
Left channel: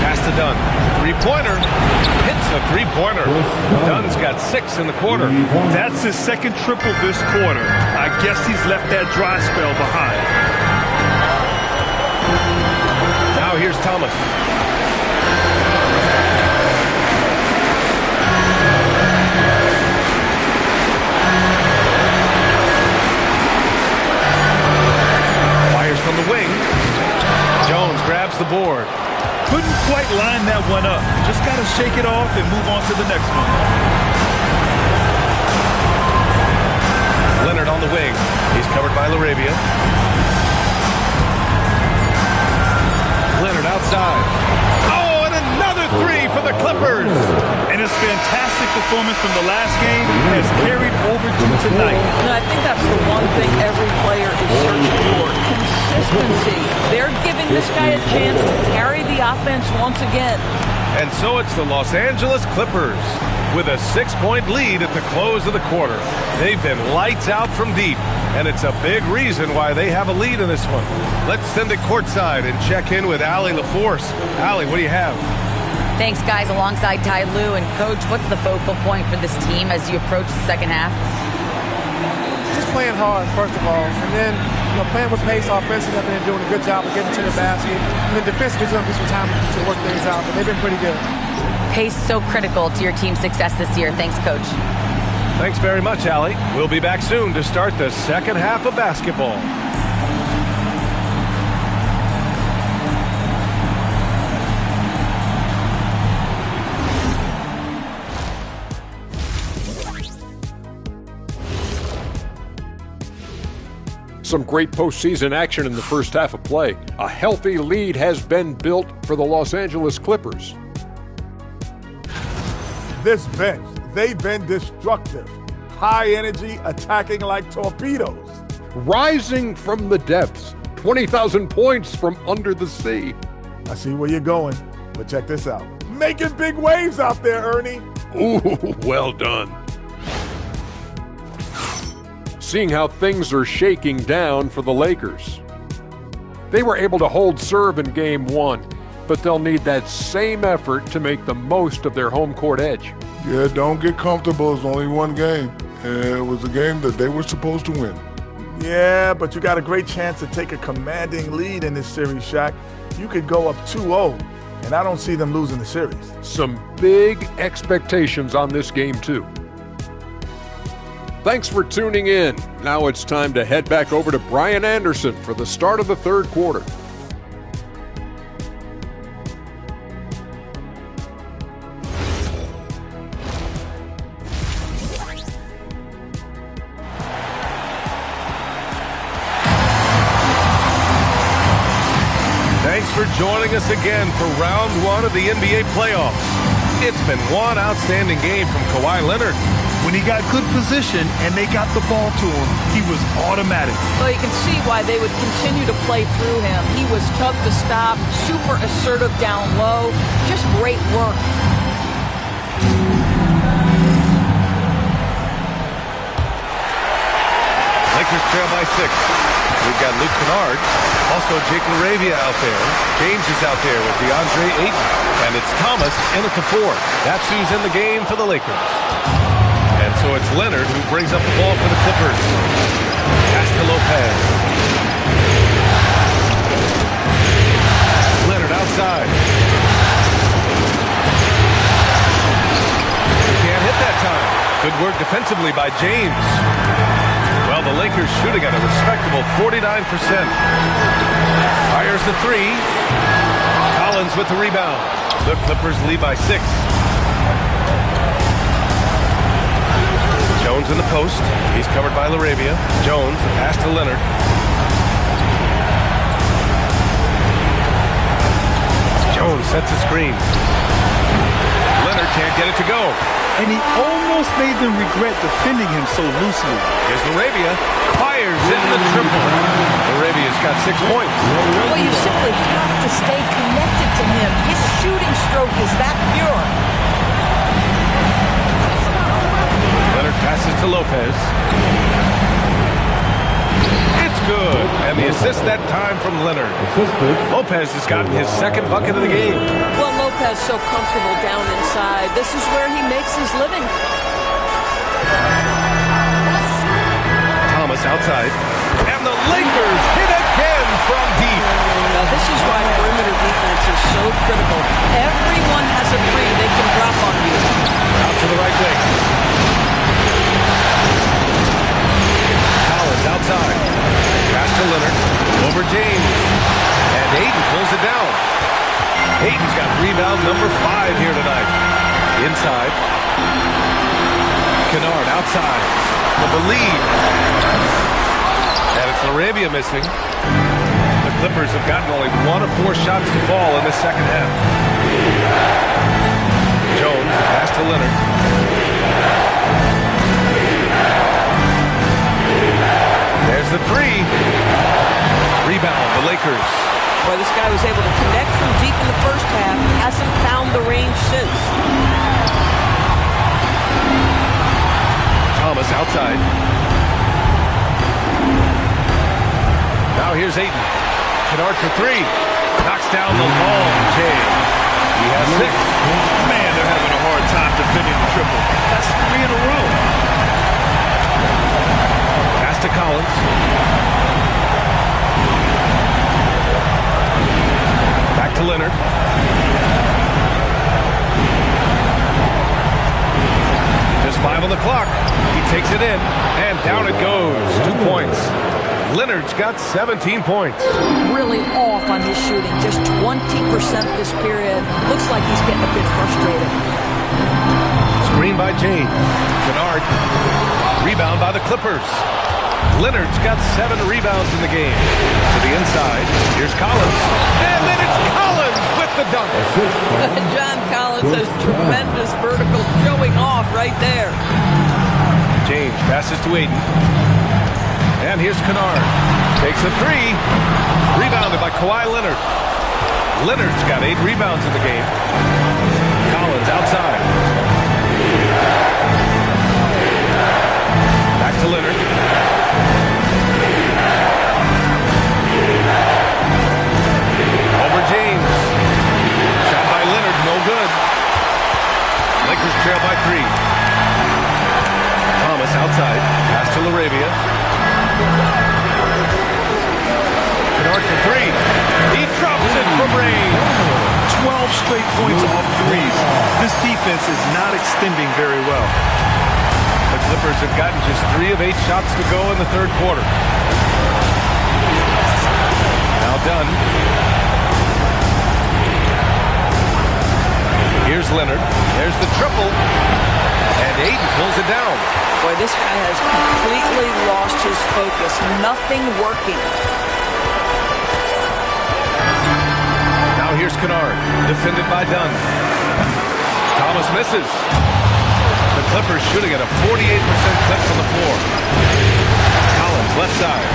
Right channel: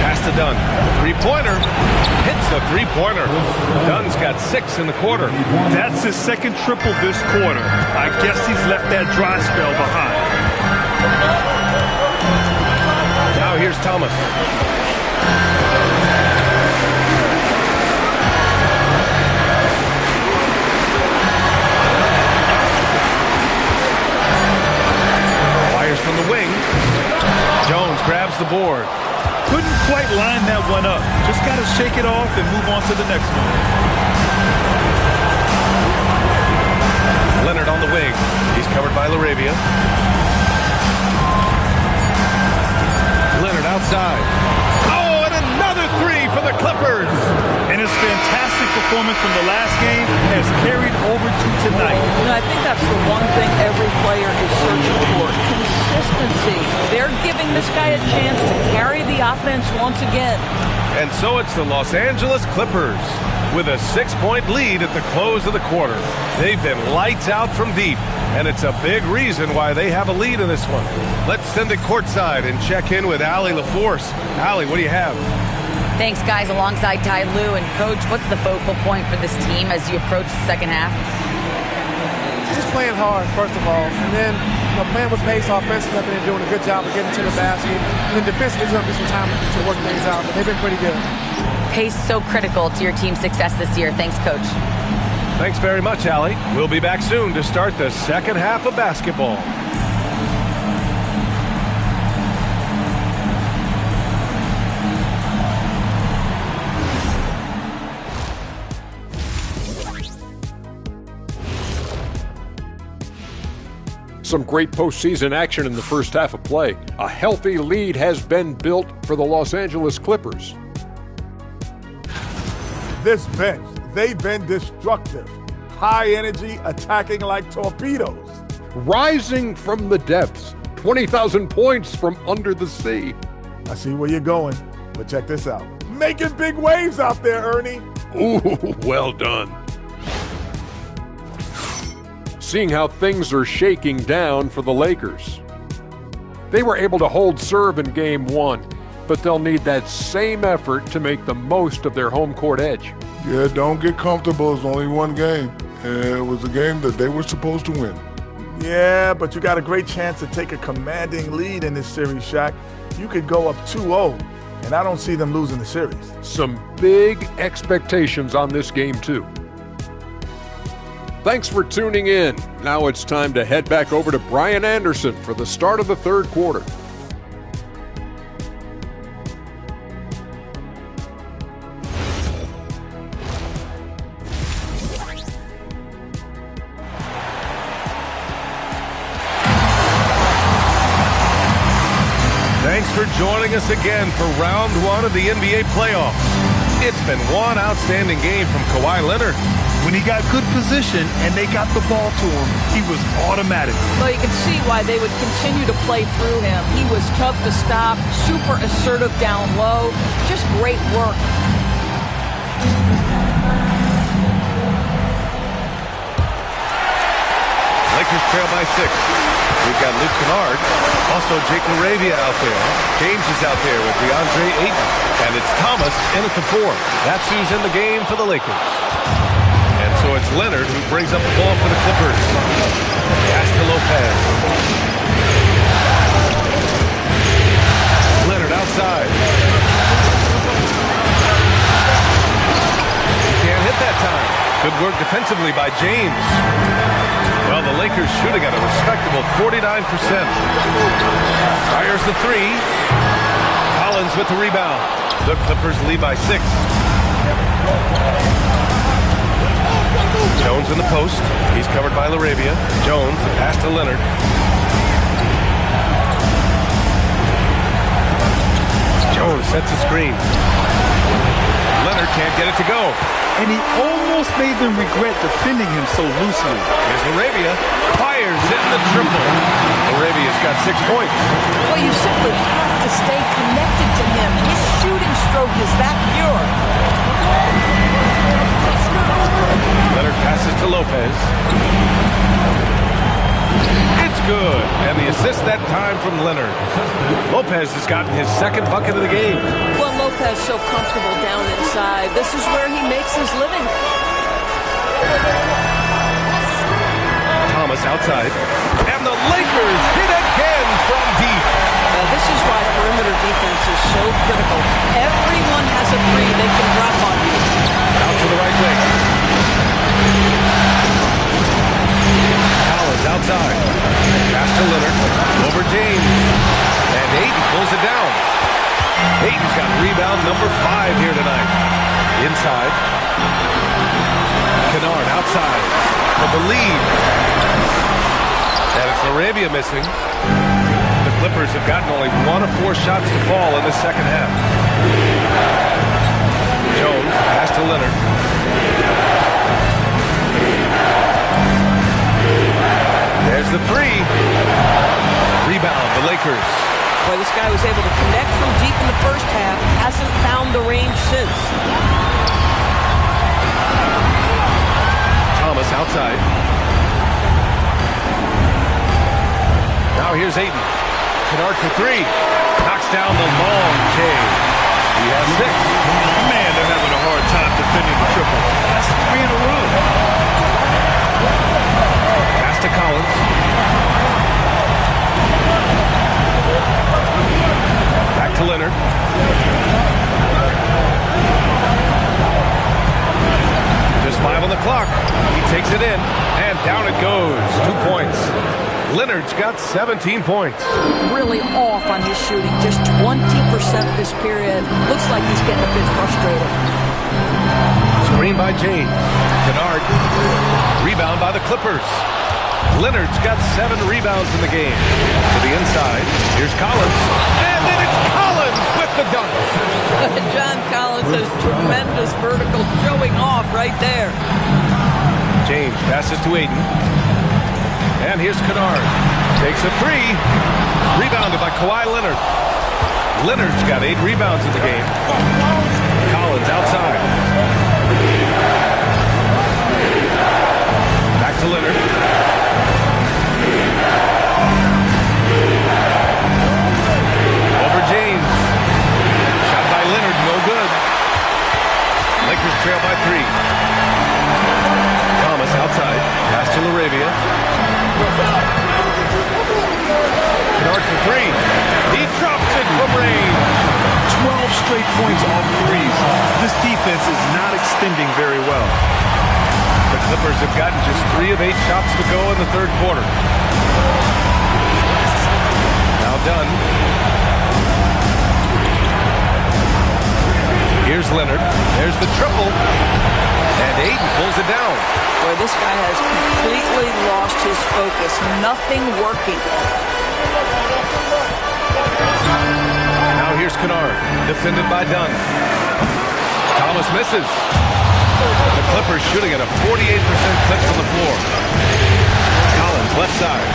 Pass to Dunn. 3-pointer. Hits a 3-pointer. Dunn's got 6 in the quarter. That's his second triple this quarter. I guess he's left that dry spell behind. Now here's Thomas. Fires from the wing. Jones grabs the board. Couldn't quite line that one up. Just got to shake it off and move on to the next one. Leonard on the wing. He's covered by LaRavia. Leonard outside. Oh, and another 3 for the Clippers. And his fantastic performance from the last game has carried over to tonight. And I think that's the one thing every player is searching for. Consistency. They're giving this guy a chance to carry the offense once again. And so it's the Los Angeles Clippers with a 6-point lead at the close of the quarter. They've been lights out from deep, and it's a big reason why they have a lead in this one. Let's send it courtside and check in with Allie LaForce. Allie, what do you have? Thanks, guys, alongside Ty Lue. And, Coach, what's the focal point for this team as you approach the second half? Just playing hard, first of all, and then playing with pace offensively, I think they're doing a good job of getting to the basket. And then defensively, there's going to be some time to work things out, but they've been pretty good. Pace so critical to your team's success this year. Thanks, Coach. Thanks very much, Allie. We'll be back soon to start the second half of basketball. Some great postseason action in the first half of play. A healthy lead has been built for the Los Angeles Clippers. This bench, they've been destructive. High energy, attacking like torpedoes. Rising from the depths, 20,000 points from under the sea. I see where you're going, but check this out. Making big waves out there, Ernie. Ooh, well done. Seeing how things are shaking down for the Lakers. They were able to hold serve in Game 1, but they'll need that same effort to make the most of their home court edge. Yeah, don't get comfortable. It's only one game, and it was a game that they were supposed to win. Yeah, but you got a great chance to take a commanding lead in this series, Shaq. You could go up 2-0, and I don't see them losing the series. Some big expectations on this game, too. Thanks for tuning in. Now it's time to head back over to Brian Anderson for the start of the third quarter. Thanks for joining us again for round one of the NBA playoffs. It's been one outstanding game from Kawhi Leonard. When he got good position and they got the ball to him, he was automatic. Well, you can see why they would continue to play through him. He was tough to stop, super assertive down low. Just great work. Lakers trail by 6. We've got Luke Kennard, also Jake LaRavia out there. James is out there with DeAndre Ayton. And it's Thomas in at the 4. That's who's in the game for the Lakers. And so it's Leonard who brings up the ball for the Clippers. Pass to Lopez. Leonard outside. He can't hit that time. Good work defensively by James. Well, the Lakers shooting at a respectable 49%. Fires the 3. Collins with the rebound. The Clippers lead by 6. Jones in the post. He's covered by LaRavia. Jones, the pass to Leonard. Jones sets a screen. Leonard can't get it to go. And he almost made them regret defending him so loosely. Here's LaRavia. Fires in the triple. LaRavia's got 6 points. Well, you simply have to stay connected to him. His shooting stroke is that pure. Leonard passes to Lopez. It's good. And the assist that time from Leonard. Lopez has gotten his second bucket of the game. Well, Lopez so comfortable down inside. This is where he makes his living. Thomas outside. And the Lakers hit again from deep. Now, this is why perimeter defense is so critical. Everyone has a 3 they can drop on you. Out to the right wing. Collins outside. Pass to Leonard. Over James. And Ayton pulls it down. Ayton's got rebound number 5 here tonight. Inside. Kennard outside for the lead. And it's LaRavia missing. The Clippers have gotten only 1 of 4 shots to fall in the second half. Jones, pass to Leonard. There's the 3. Rebound, the Lakers. Boy, this guy was able to connect from deep in the first half. Hasn't found the range since. Thomas outside. Now here's Ayton. Kennard for 3. Knocks down the long J. He has 6. Man, they're having a hard time defending the triple. That's 3 in a row. Pass to Collins. Back to Leonard. Just 5 on the clock. He takes it in, and down it goes. 2 points. Leonard's got 17 points. Really off on his shooting. Just 20% this period. Looks like he's getting a bit frustrated. Screen by James. Kennard. Rebound by the Clippers. Leonard's got 7 rebounds in the game. To the inside. Here's Collins. And then it's Collins with the dunk. John Collins has tremendous vertical showing off right there. James passes to Ayton. And here's Kennard. Takes a 3. Rebounded by Kawhi Leonard. Leonard's got 8 rebounds in the game. Collins outside. Back to Leonard. Over James. Shot by Leonard, no good. Lakers trail by 3. Thomas outside. Pass to LaRavia. Kennard for 3. He drops it from range. 12 straight points off threes. This defense is not extending very well. The Clippers have gotten just 3 of 8 shots to go in the third quarter. Now Dunn. Here's Leonard. There's the triple. And Ayton pulls it down. Boy, this guy has completely lost his focus. Nothing working. Now here's Kennard. Defended by Dunn. Thomas misses. The Clippers shooting at a 48% clip from the floor. Collins left side.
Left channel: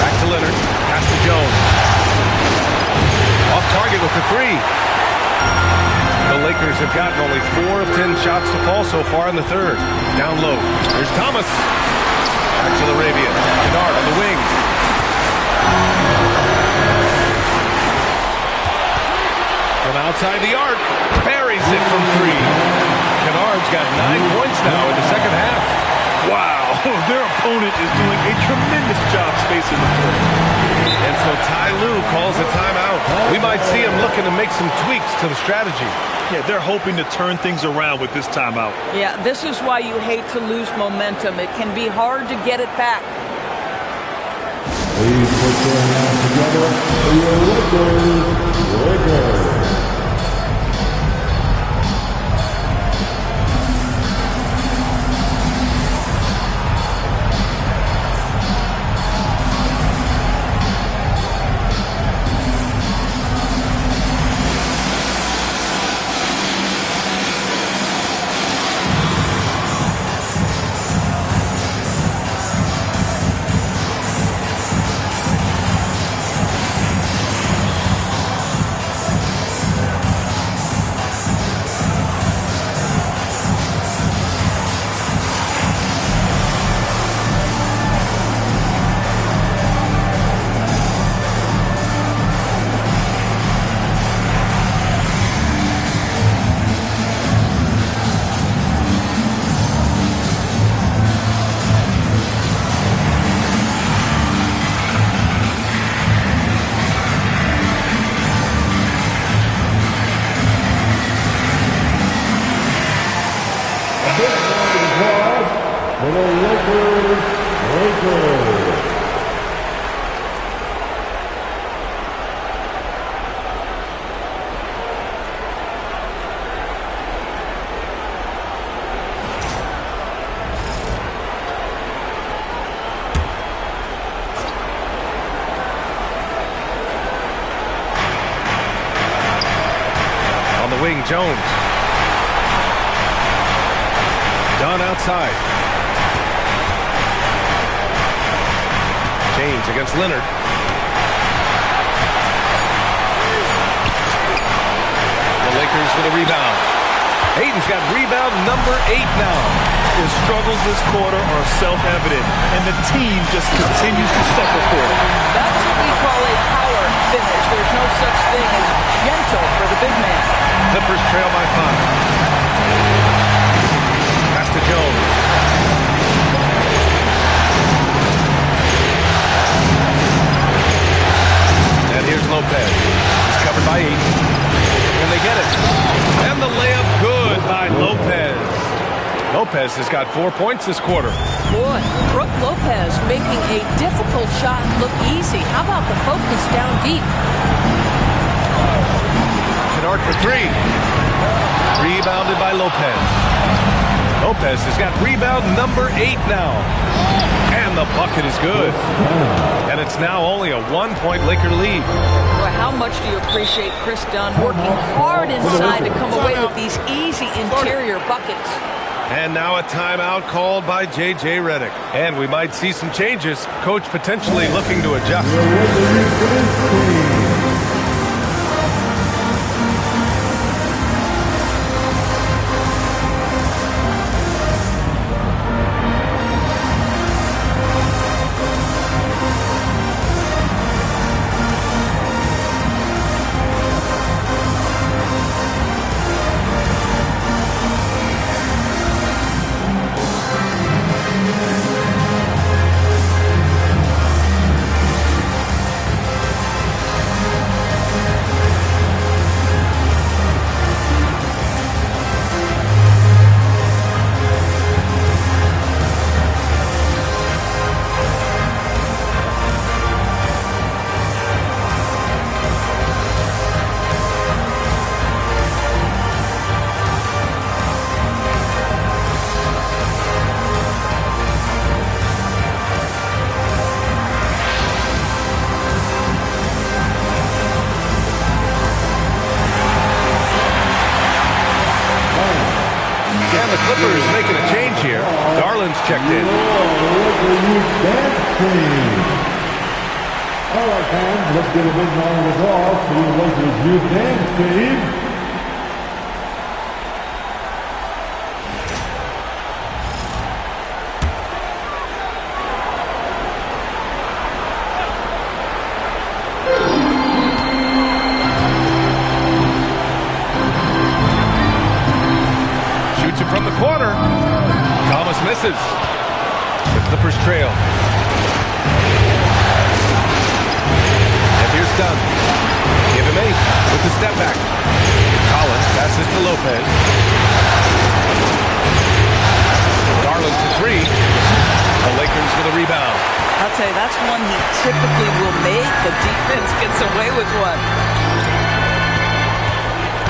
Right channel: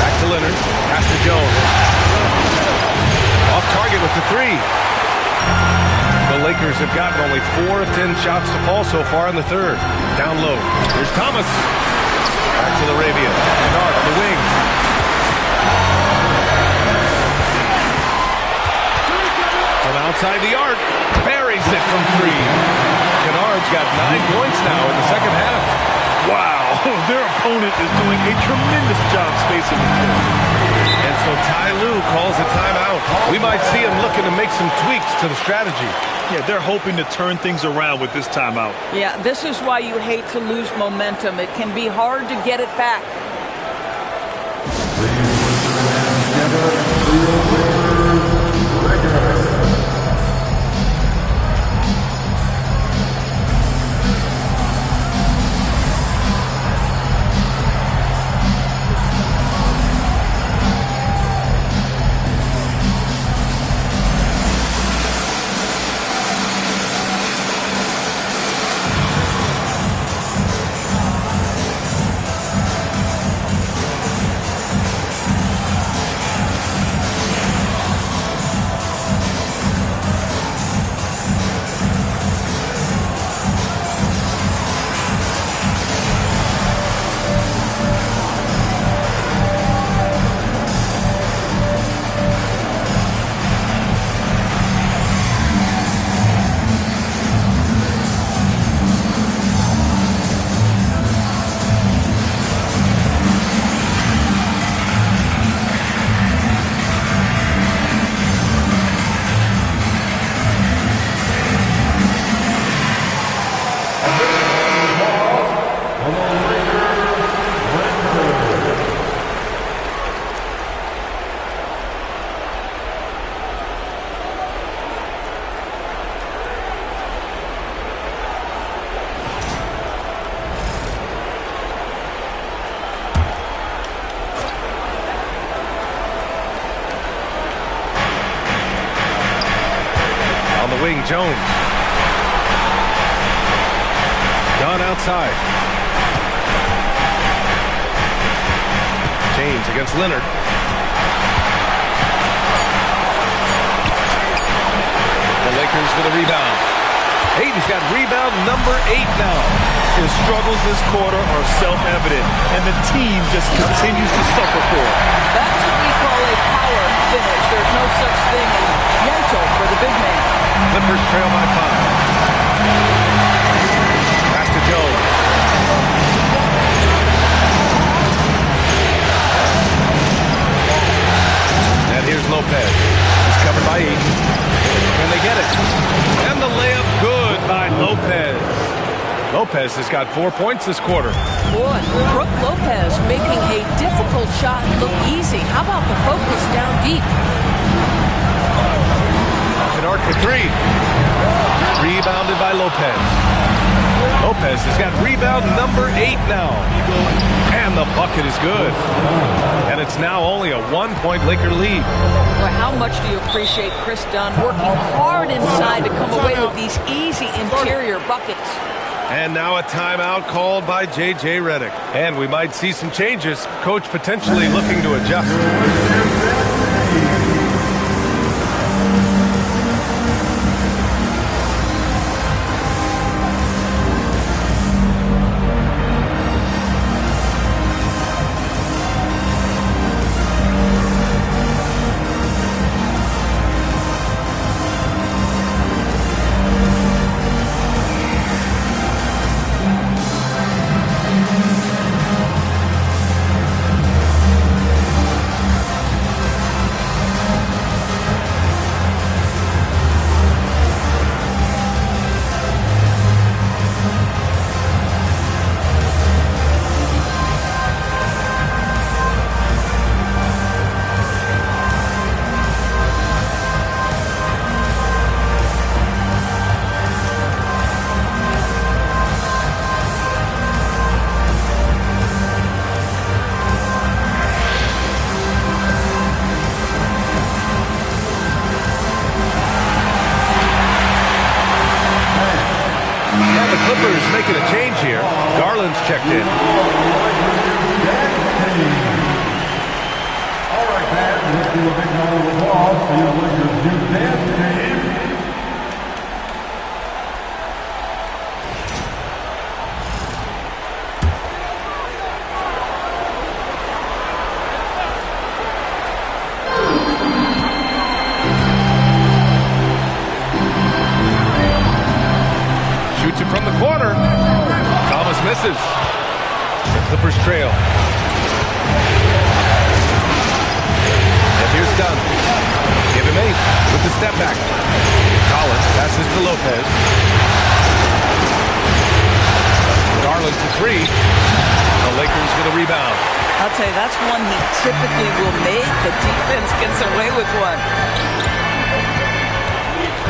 Back to Leonard. Pass to Jones. Off target with the 3. The Lakers have gotten only 4 of 10 shots to fall so far in the third. Down low. Here's Thomas. Back to LaRavia. Kennard on the wing. From outside the arc. Buries it from 3. Kennard's got 9 points now in the second half. Wow, their opponent is doing a tremendous job spacing the floor. And so Ty Lue calls a timeout. We might see him looking to make some tweaks to the strategy. Yeah, they're hoping to turn things around with this timeout. Yeah, this is why you hate to lose momentum. It can be hard to get it back. Please put your hands together for your Lakers. On the wing, Jones. Dunn outside. James against Leonard. The Lakers with a rebound. Ayton's got rebound number 8 now. His struggles this quarter are self-evident, and the team just continues to suffer for it. That's what we call a power finish. There's no such thing as gentle for the big man. Clippers trail by 5. Pass to Jones. Here's Lopez. He's covered by Ayton. And they get it. And the layup good by Lopez. Lopez has got 4 points this quarter. Boy, Brook Lopez making a difficult shot look easy. How about the focus down deep? Kennard for three. Rebounded by Lopez. Lopez has got rebound number 8 now. And the bucket is good. And it's now only a 1-point Laker lead. Boy, how much do you appreciate Chris Dunn working hard inside to come away with these easy interior buckets? And now a timeout called by J.J. Redick. And we might see some changes. Coach potentially looking to adjust. The Clippers making a change here. Garland's checked in. All right, fans, let's give a big round of applause for your Lakers Youth Dance Team. Shoots it from the corner. Thomas misses. The Clippers trail. And here's Dunn. Give him 8 with the step back. Collins passes to Lopez. Garland to 3. The Lakers with a rebound. I'll tell you, that's one he typically will make. The defense gets away with one.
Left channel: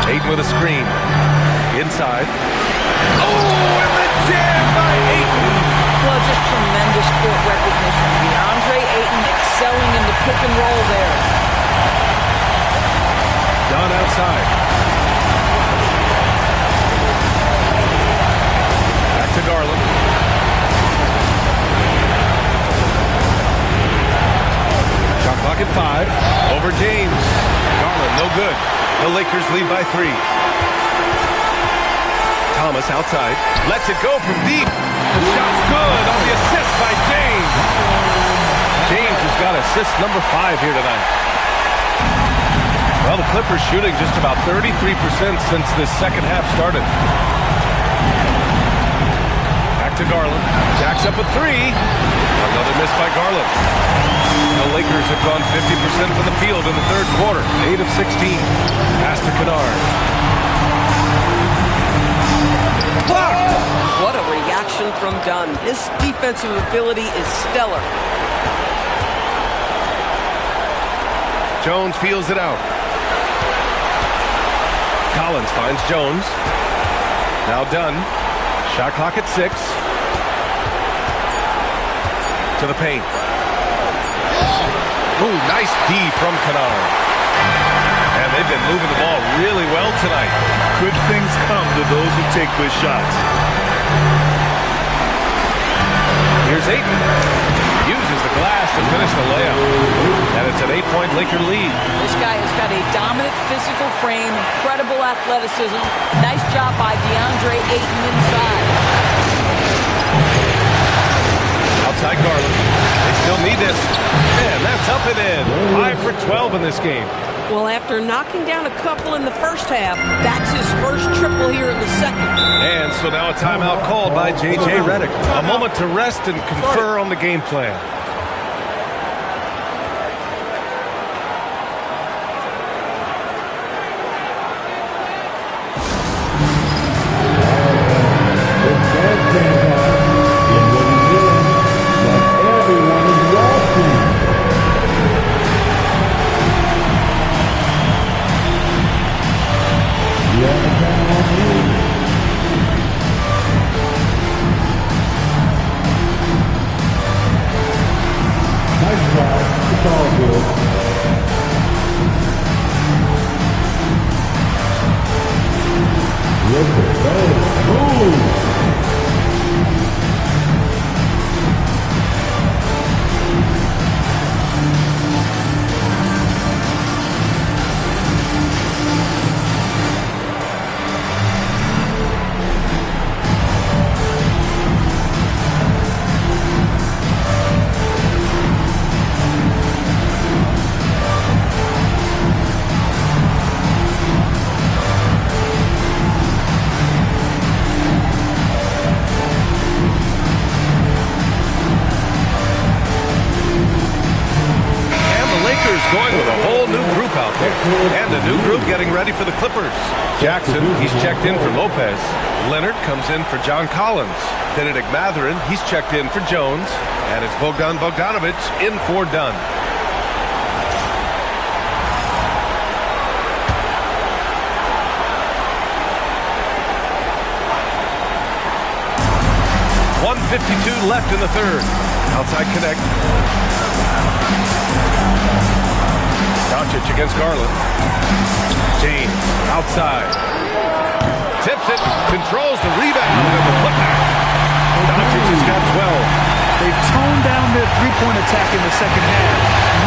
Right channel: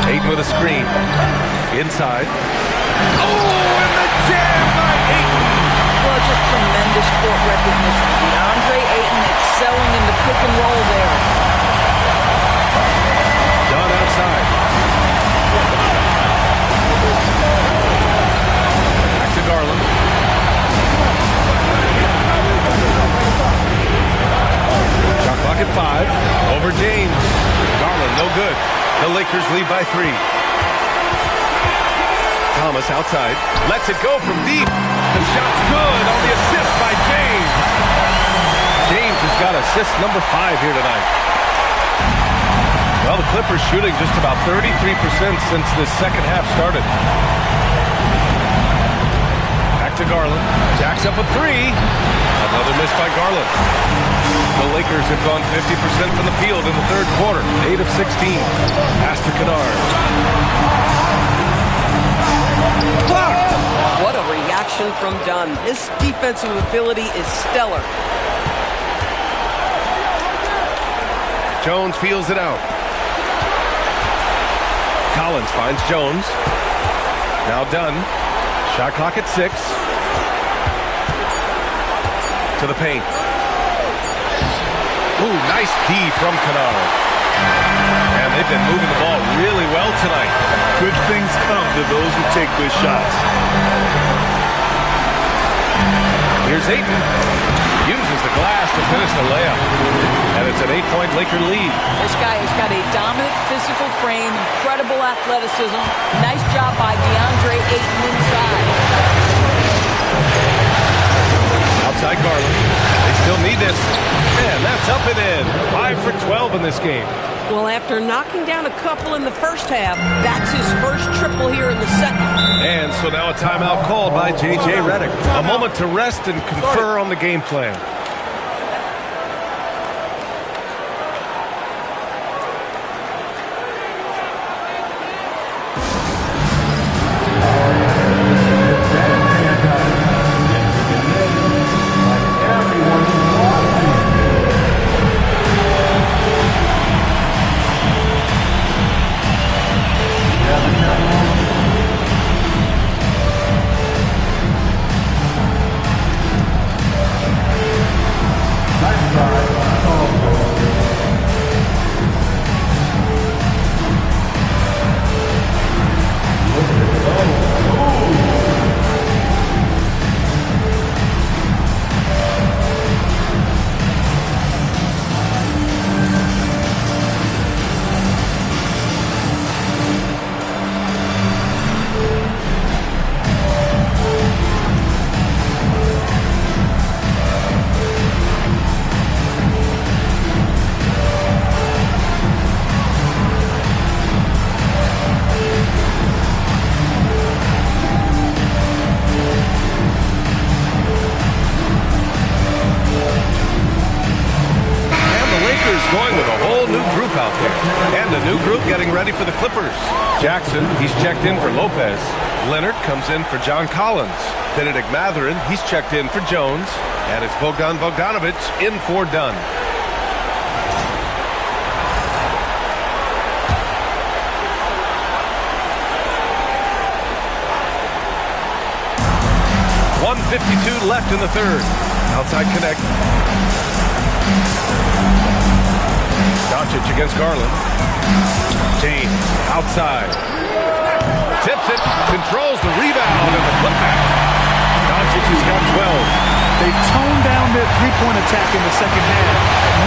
Ayton with a screen. Inside. Oh, and the jam by Ayton. Well, just tremendous court recognition. DeAndre Ayton excelling in the pick and roll there. Dunn outside. Back to Garland. Shot clock at 5. Over James. Garland, no good. The Lakers lead by 3. Thomas outside. Lets it go from deep. The shot's good on the assist by James. James has got assist number 5 here tonight. Well, the Clippers shooting just about 33% since this second half started. Back to Garland. Jacks up a 3. Another miss by Garland. The Lakers have gone 50% from the field in the third quarter. 8 of 16. Pass to Kennard. Blocked! What a reaction from Dunn. His defensive ability is stellar. Jones feels it out. Collins finds Jones. Now Dunn. Shot clock at 6. To the paint. Ooh, nice D from Kennard. And they've been moving the ball really well tonight. Good things come to those who take good shots. Here's Ayton. Uses the glass to finish the layup. And it's an 8-point Laker lead. This guy has got a dominant physical frame, incredible athleticism. Nice job by DeAndre Ayton inside. Outside Garland. They still need this. And that's up and in. 5 for 12 in this game. Well, after knocking down a couple in the first half, that's his first triple here in the second. And so now a timeout called by J.J. Redick. A moment to rest and confer on the game plan. new group out there. And a new group getting ready for the Clippers. Jackson, he's checked in for Lopez. Leonard comes in for John Collins. Benedict Mathurin, he's checked in for Jones. And it's Bogdan Bogdanovic in for Dunn. .152 left in the third. Outside connect. Doncic against Garland. James outside. Tips it, controls the rebound and the putback. Doncic has got 12. They've toned down their three-point attack in the second half,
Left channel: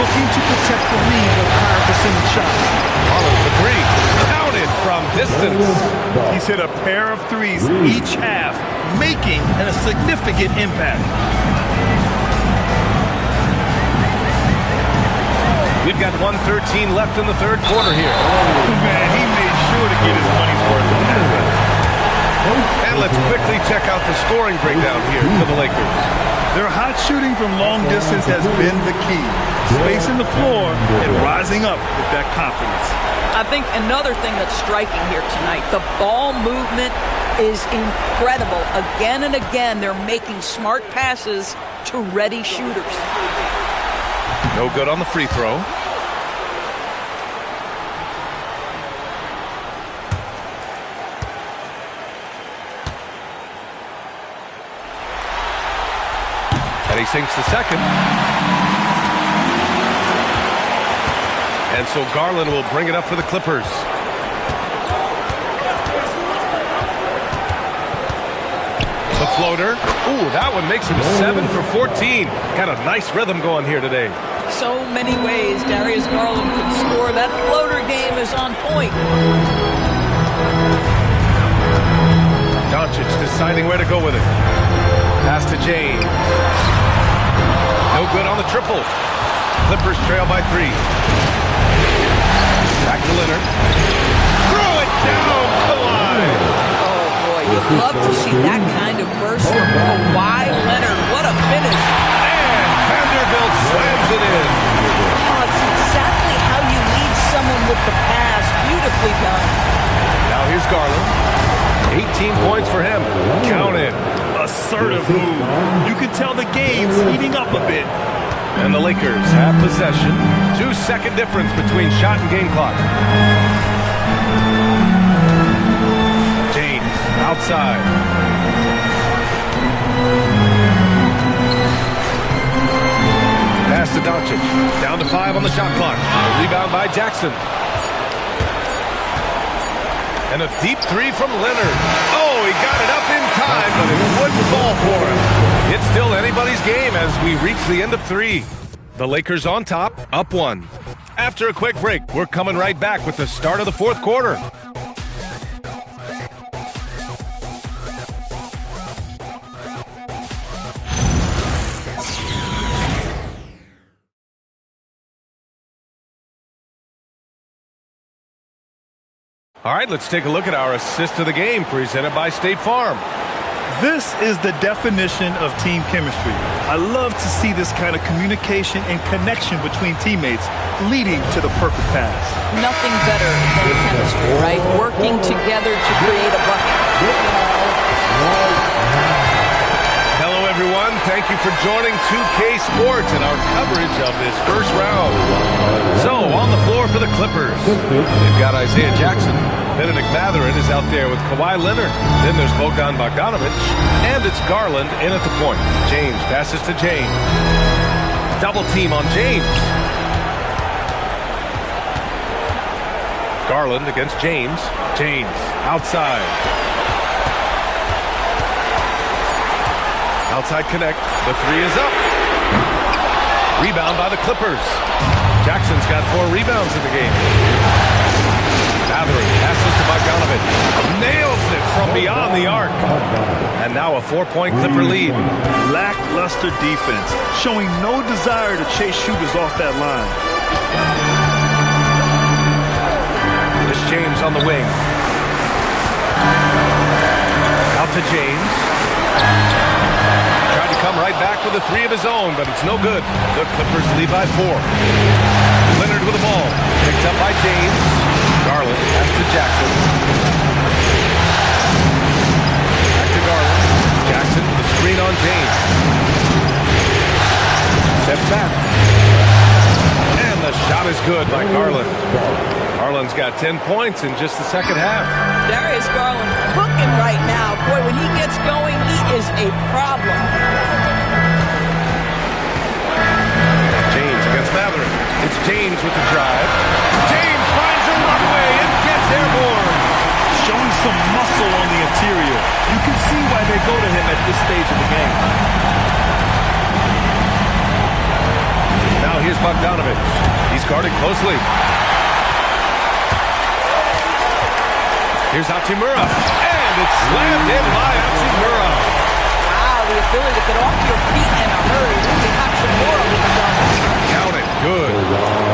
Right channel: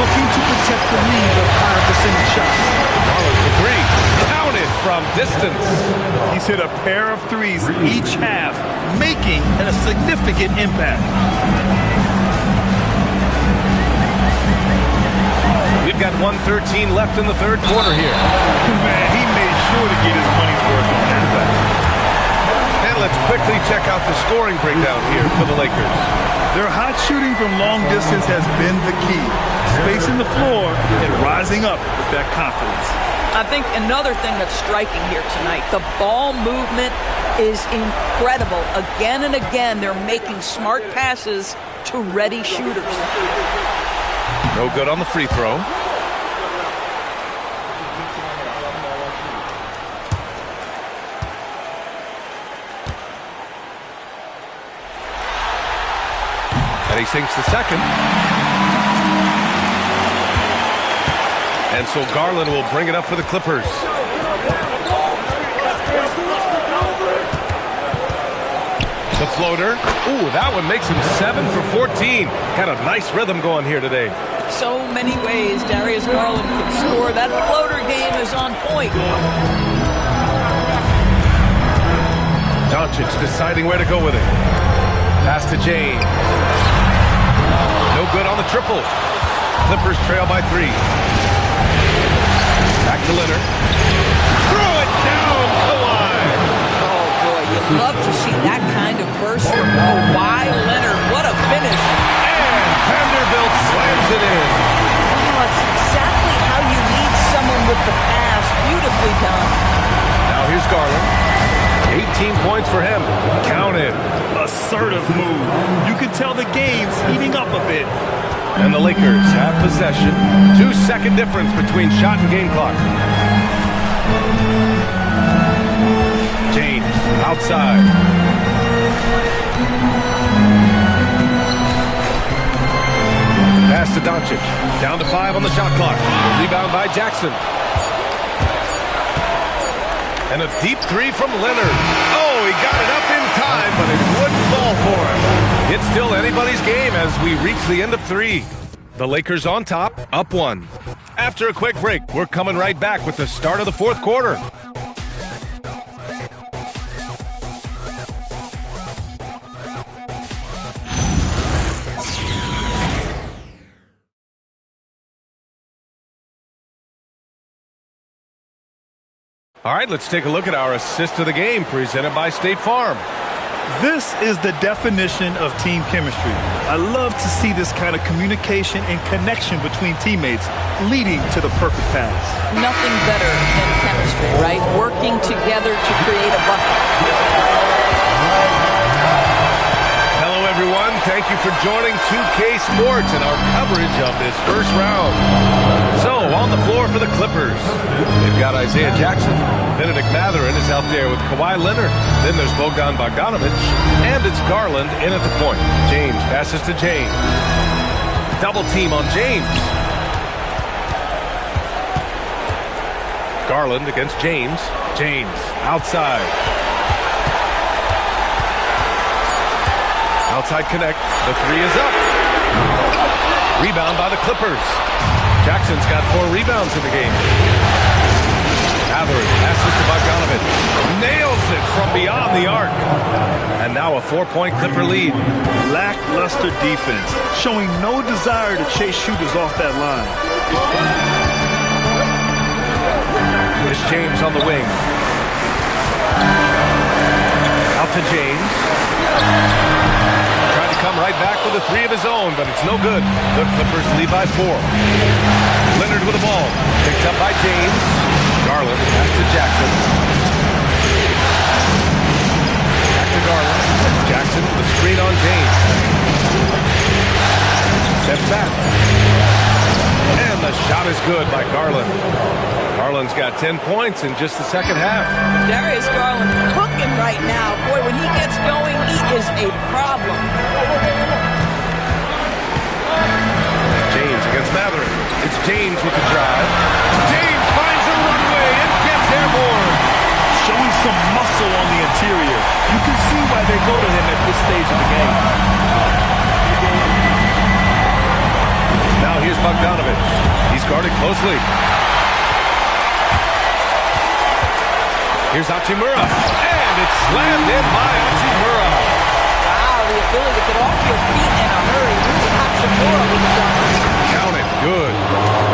looking to protect the lead with higher percentage shots. Garland for three. Counted from distance. He's hit a pair of threes each half, making a significant impact. We've got 1:13 left in the third quarter here. Man, he made sure to get his money's worth on that fact. And let's quickly check out the scoring breakdown here for the Lakers. Their hot shooting from long distance has been the key. Spacing the floor and rising up with that confidence. I think another thing that's striking here tonight, the ball movement is incredible. Again and again, they're making smart passes to ready shooters. No good on the free throw. And he sinks the second. And so Garland will bring it up for the Clippers. The floater. Ooh, that one makes him 7 for 14. Got a nice rhythm going here today. So many ways Darius Garland can score. That floater game is on point. Doncic deciding where to go with it. Pass to James. No good on the triple. Clippers trail by 3. Back to Leonard. Throw it down, Kawhi. Oh, boy, you'd love to see that kind of burst from Kawhi Leonard. What a finish. And Vanderbilt slams it in. Oh, it's exactly how you lead someone with the pass. Beautifully done. Now here's Garland. 18 points for him. Count it. Assertive move. You can tell the game's heating up a bit. And the Lakers have possession. 2-second difference between shot and game clock. James outside. Pass to Doncic. Down to 5 on the shot clock. The rebound by Jackson. And a deep three from Leonard. Oh, he got it up in time, but it wouldn't fall for him. It's still anybody's game as we reach the end of 3. The Lakers on top, up 1. After a quick break, we're coming right back with the start of the fourth quarter. All right, let's take a look at our assist of the game presented by State Farm. This is the definition of team chemistry. I love to see this kind of communication and connection between teammates leading to the perfect pass. Nothing better than chemistry, right? Working together to create a bucket. Hello, everyone. Thank you for joining 2K Sports and our coverage of this first round. So, on the floor for the Clippers, they've got Isaiah Jackson. Benedict Mathurin is out there with Kawhi Leonard. Then there's Bogdan Bogdanovic. And it's Garland in at the point. James passes to James. Double team on James. Garland against James. James outside. Outside connect. The 3 is up. Rebound by the Clippers. Jackson's got 4 rebounds in the game. Mathurin passes to Bogdanovic. Nails it from beyond the arc. And now a 4-point Clipper lead. Lackluster defense, showing no desire to chase shooters off that line. It's James on the wing. Out to James. Tried to come right back with a 3 of his own, but it's no good. The Clippers lead by 4. Leonard with the ball. Picked up by James. Garland pass to Jackson. Back to Garland. Jackson with a screen on James. Steps back. And the shot is good by Garland. Garland's got 10 points in just the second half. Darius Garland cooking right now. Boy, when he gets going, he is a problem. James against Matherin. It's James with the drive. James finds a runway and gets airborne. Showing some muscle on the interior. You can see why they go to him at this stage of the game. Now here's Bogdanovich. He's guarded closely. Here's Hachimura. And it's slammed in by Hachimura. Wow, the ability to get off your feet in a hurry. Really Hachimura with the dunk. Count it. Good.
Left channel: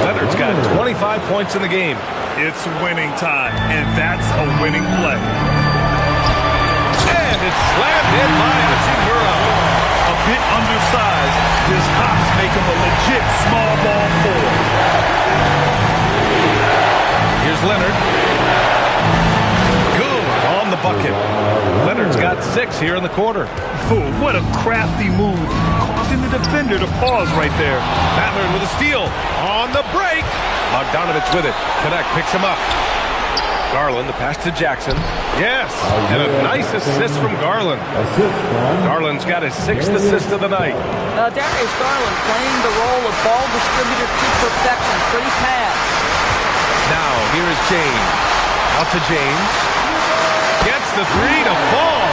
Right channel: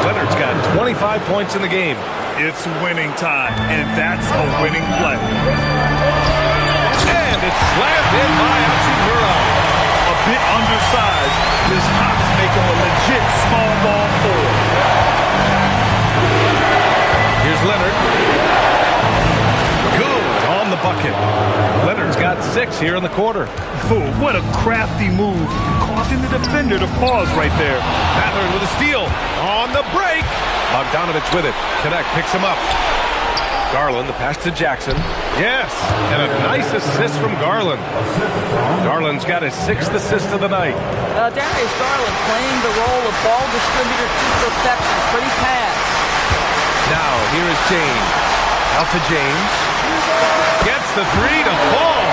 Leonard's got 25 points in the game. It's winning time, and that's a winning play. And it's slammed in by Hachimura. A bit undersized, his hops make him a legit small ball forward. Here's Leonard. Good on the bucket. Leonard's got 6 here in the quarter. Oh, what a crafty move, causing the defender to pause right there. Matherin with a steal. On the break. Bogdanovich with it. Connect picks him up. Garland, the pass to Jackson. Yes, and a nice assist from Garland. Garland's got his 6th assist of the night. Darius Garland playing the role of ball distributor to perfection. Pretty pass. Now, here is James. Out to James. Gets the 3 to fall.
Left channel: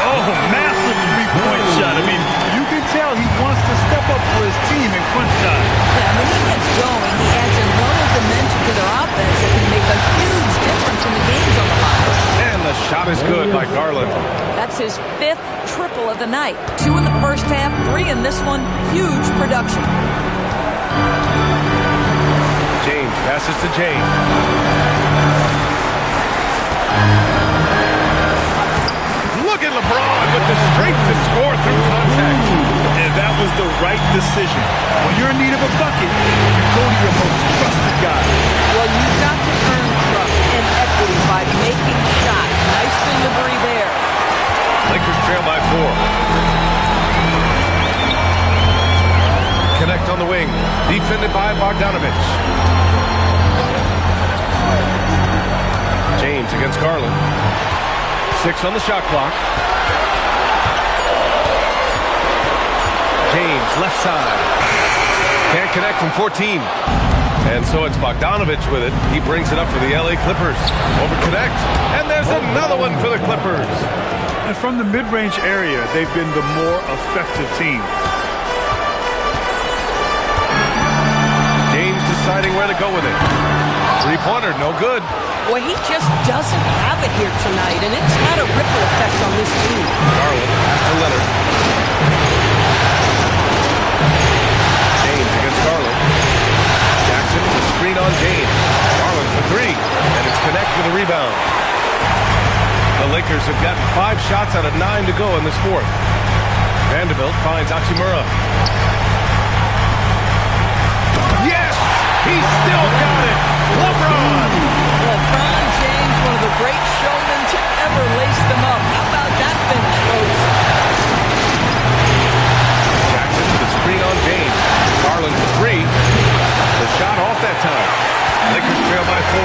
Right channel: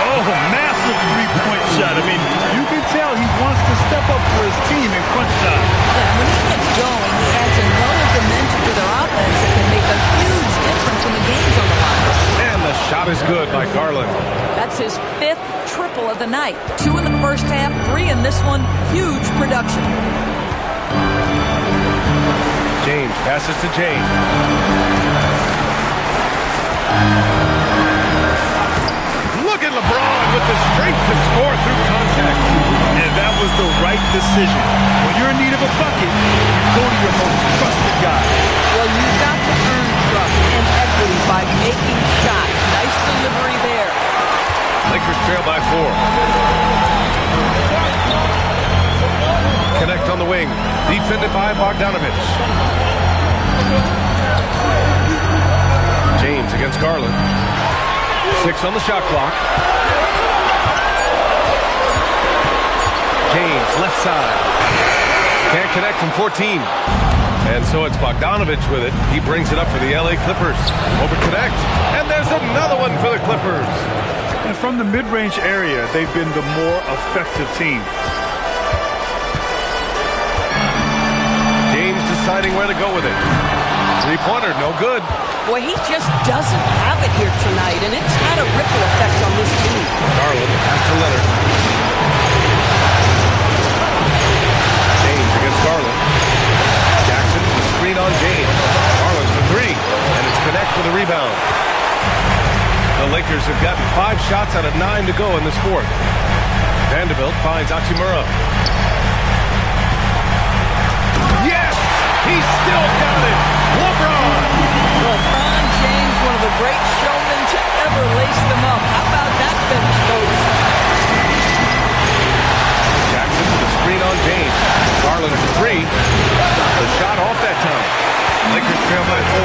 Oh, massive three-point shot. I mean, you can tell he wants to step up for his team in crunch time. Yeah, when he gets going, he adds another dimension to their offense that can make a huge difference when the game's on the line. And the shot is good by Garland. That's his 5th triple of the night. 2 in the first half, 3 in this one. Huge production. James passes to James. Look at LeBron with the strength to score through contact. And that was the right decision. When you're in need of a bucket, you go to your most trusted guy. Well, you've got to earn trust and equity by making shots. Nice delivery there. Lakers trail by 4. Connect on the wing. Defended by Bogdanovich. James against Garland. 6 on the shot clock. James, left side. Can't connect from 14. And so it's Bogdanovich with it. He brings it up for the LA Clippers. Over connect. And there's another one for the Clippers. And from the mid-range area, they've been the more effective team. James deciding where to go with it. 3-pointer, no good. Boy, he just doesn't have it here tonight, and it's had a ripple effect on this team. Garland, pass to Leonard. James against Garland. Jackson with a screen on James. Garland for 3, and it's connect with a rebound. The Lakers have gotten 5 shots out of 9 to go in this 4th. Vanderbilt finds Hachimura. Yes! He's still got it! LeBron James, one of the great showmen to ever lace them up. How about that finish, folks? Jackson with a screen on James. Garland for 3. The shot off that time. Lakers trail by 4.